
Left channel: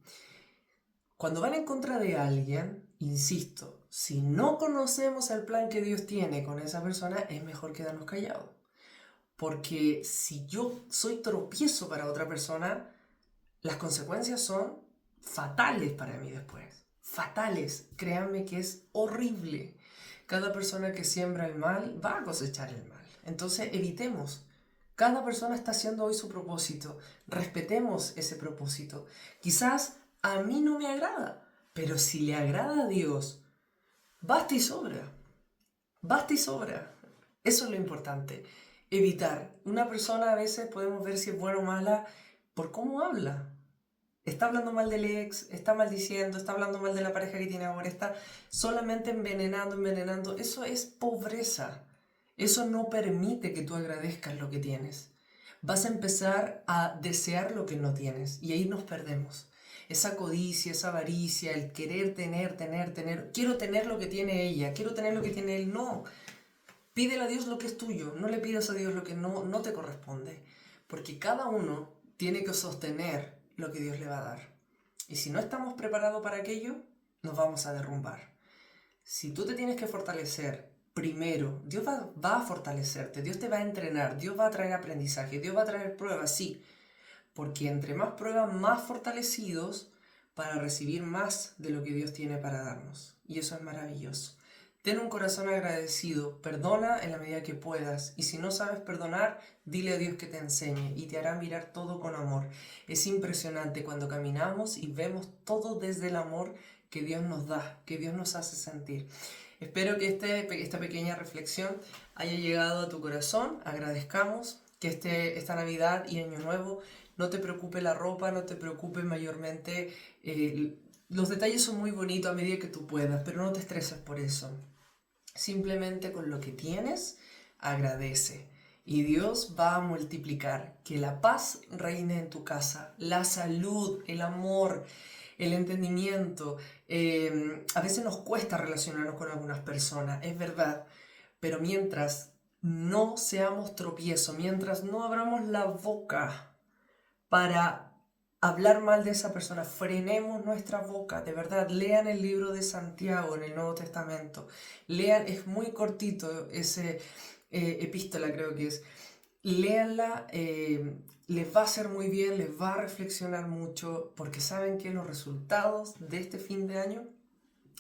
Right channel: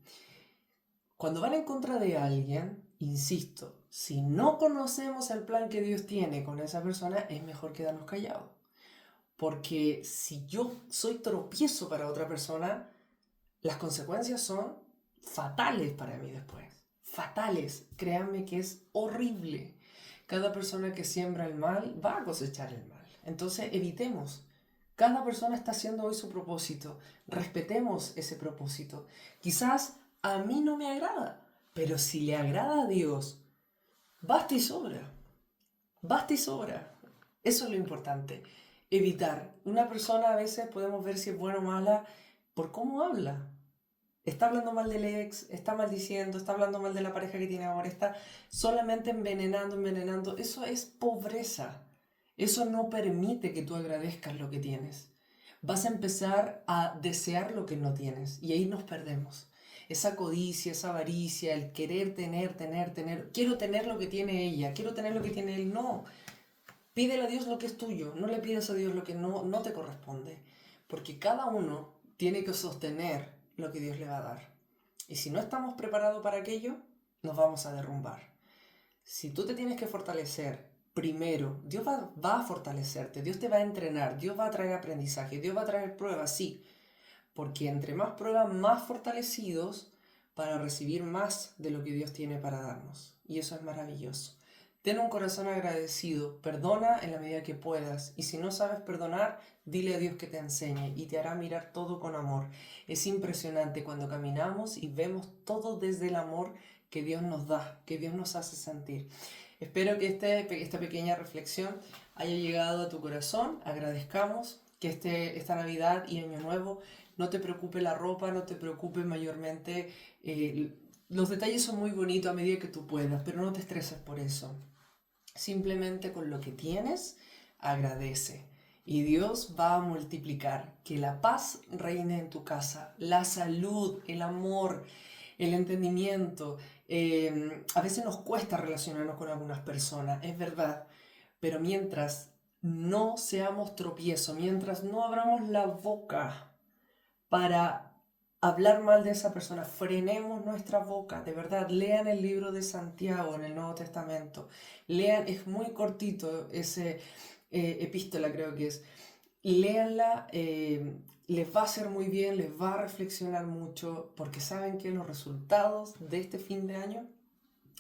Cuando van en contra de alguien, insisto, si no conocemos el plan que Dios tiene con esa persona, es mejor quedarnos callados. Porque si yo soy tropiezo para otra persona, las consecuencias son fatales para mí después. Fatales. Créanme que es horrible. Cada persona que siembra el mal va a cosechar el mal. Entonces evitemos. Cada persona está haciendo hoy su propósito. Respetemos ese propósito. Quizás a mí no me agrada, pero si le agrada a Dios, basta y sobra. Basta y sobra. Eso es lo importante. Evitar. Una persona a veces podemos ver si es buena o mala por cómo habla. Está hablando mal del ex, está maldiciendo, está hablando mal de la pareja que tiene ahora, está solamente envenenando. Eso es pobreza. Eso no permite que tú agradezcas lo que tienes. Vas a empezar a desear lo que no tienes y ahí nos perdemos. Esa codicia, esa avaricia, el querer tener. Quiero tener lo que tiene ella, quiero tener lo que tiene él. No. Pídele a Dios lo que es tuyo, no le pidas a Dios lo que no te corresponde. Porque cada uno tiene que sostener lo que Dios le va a dar. Y si no estamos preparados para aquello, nos vamos a derrumbar. Si tú te tienes que fortalecer, primero, Dios va a fortalecerte, Dios te va a entrenar, Dios va a traer aprendizaje, Dios va a traer pruebas, sí. Porque entre más pruebas, más fortalecidos para recibir más de lo que Dios tiene para darnos. Y eso es maravilloso. Ten un corazón agradecido, perdona en la medida que puedas y si no sabes perdonar, dile a Dios que te enseñe y te hará mirar todo con amor. Es impresionante cuando caminamos y vemos todo desde el amor que Dios nos da, que Dios nos hace sentir. Espero que esta pequeña reflexión haya llegado a tu corazón, agradezcamos que esta Navidad y Año Nuevo no te preocupe la ropa, no te preocupe mayormente. Los detalles son muy bonitos a medida que tú puedas, pero no te estreses por eso. Simplemente con lo que tienes, agradece. Y Dios va a multiplicar. Que la paz reine en tu casa, la salud, el amor, el entendimiento. A veces nos cuesta relacionarnos con algunas personas, es verdad. Pero mientras no seamos tropiezo, mientras no abramos la boca para hablar mal de esa persona, frenemos nuestra boca, de verdad, lean el libro de Santiago en el Nuevo Testamento, lean, es muy cortito ese epístola creo que es, léanla, les va a hacer muy bien, les va a reflexionar mucho, porque saben que los resultados de este fin de año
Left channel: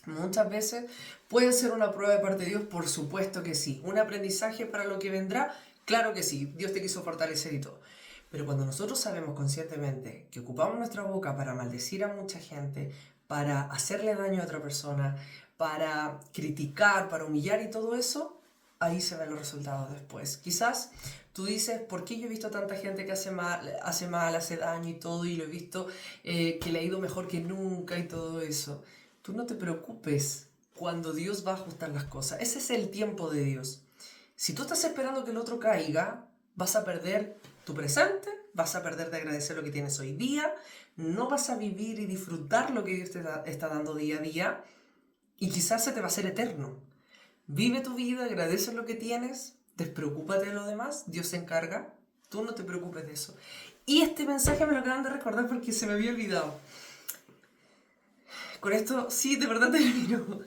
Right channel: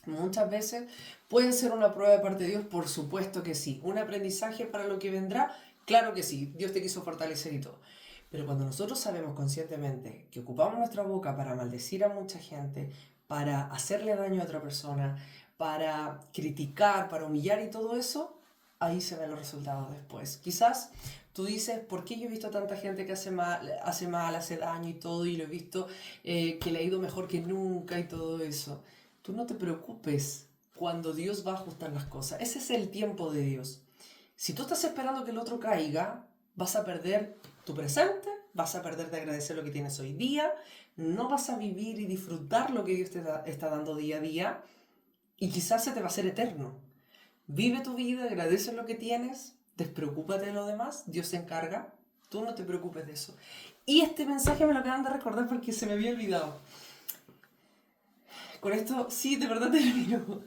muchas veces pueden ser una prueba de parte de Dios, por supuesto que sí, un aprendizaje para lo que vendrá, claro que sí, Dios te quiso fortalecer y todo. Pero cuando nosotros sabemos conscientemente que ocupamos nuestra boca para maldecir a mucha gente, para hacerle daño a otra persona, para criticar, para humillar y todo eso, ahí se ven los resultados después. Quizás tú dices, ¿por qué yo he visto tanta gente que hace mal, hace daño y todo, y lo he visto que le ha ido mejor que nunca y todo eso? Tú no te preocupes cuando Dios va a ajustar las cosas. Ese es el tiempo de Dios. Si tú estás esperando que el otro caiga, vas a perder tu presente, vas a perder de agradecer lo que tienes hoy día, no vas a vivir y disfrutar lo que Dios te está dando día a día y quizás se te va a hacer eterno. Vive tu vida, agradece lo que tienes, despreocúpate de lo demás, Dios se encarga, tú no te preocupes de eso. Y este mensaje me lo acaban de recordar porque se me había olvidado. Con esto, sí, de verdad termino.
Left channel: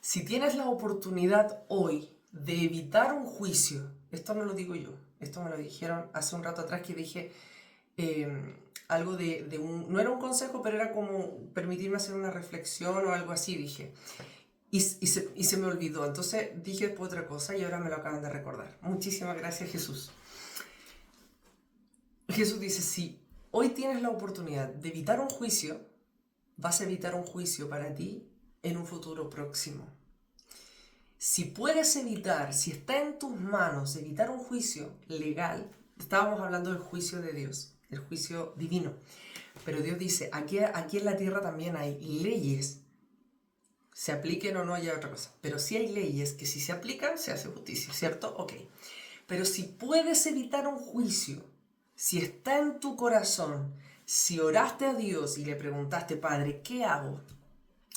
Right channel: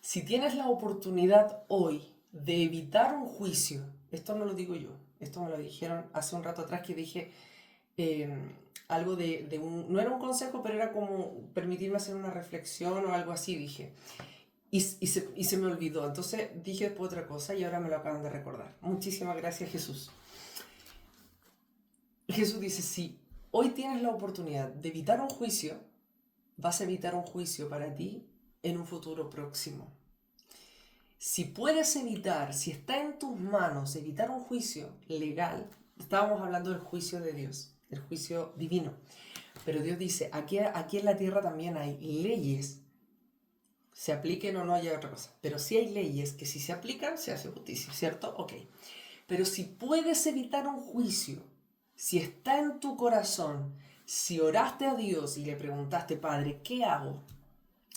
Si tienes la oportunidad hoy de evitar un juicio, esto no lo digo yo, esto me lo dijeron hace un rato atrás que dije algo de un, no era un consejo, pero era como permitirme hacer una reflexión o algo así, dije. Y se me olvidó, entonces dije después otra cosa y ahora me lo acaban de recordar. Muchísimas gracias, Jesús. Jesús dice, si hoy tienes la oportunidad de evitar un juicio, vas a evitar un juicio para ti en un futuro próximo. Si puedes evitar, si está en tus manos evitar un juicio legal, estábamos hablando del juicio de Dios, el juicio divino, pero Dios dice, aquí en la tierra también hay leyes se apliquen o no, haya otra cosa. Pero sí hay leyes que si se aplican, se hace justicia, ¿cierto? Ok. Pero si puedes evitar un juicio, si está en tu corazón, si oraste a Dios y le preguntaste, Padre, ¿qué hago?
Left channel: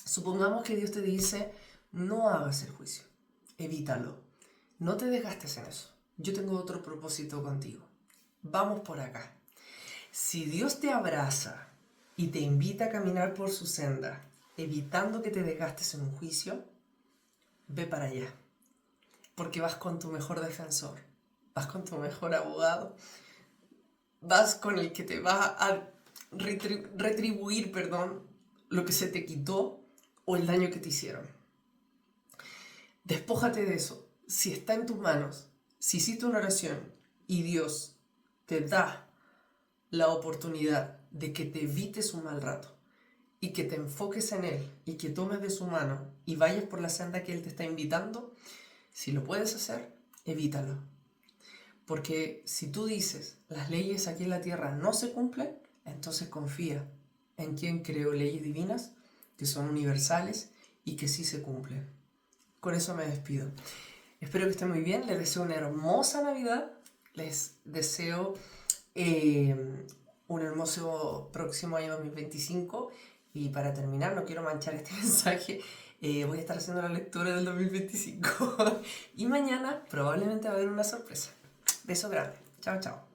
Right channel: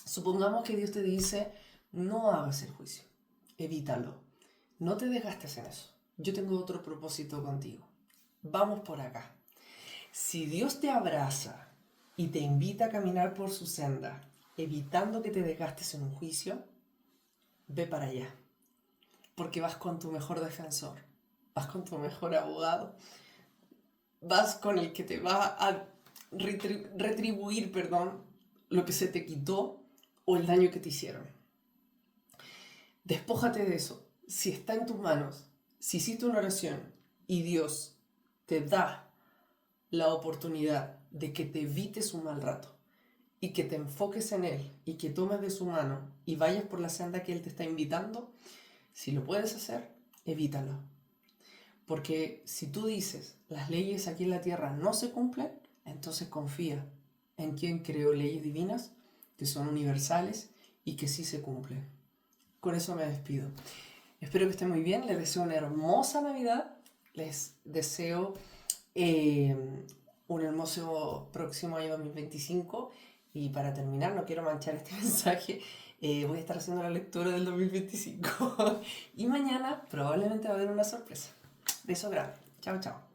Supongamos que Dios te dice, no hagas el juicio, evítalo, no te desgastes en eso. Yo tengo otro propósito contigo. Vamos por acá. Si Dios te abraza y te invita a caminar por su senda, evitando que te desgastes en un juicio, ve para allá. Porque vas con tu mejor defensor, vas con tu mejor abogado, vas con el que te va a retribuir, lo que se te quitó o el daño que te hicieron. Despójate de eso. Si está en tus manos, si hiciste una oración y Dios te da la oportunidad de que te evites un mal rato y que te enfoques en Él y que tomes de su mano y vayas por la senda que Él te está invitando, si lo puedes hacer, evítalo. Porque si tú dices, las leyes aquí en la tierra no se cumplen, entonces confía en quien creó leyes divinas que son universales y que sí se cumplen. Con eso me despido. Espero que estén muy bien, les deseo una hermosa Navidad, les deseo un hermoso próximo año 2025 y para terminar, no quiero manchar este mensaje, voy a estar haciendo la lectura del 2025 y mañana probablemente va a haber una sorpresa. Beso grande. Chao, chao.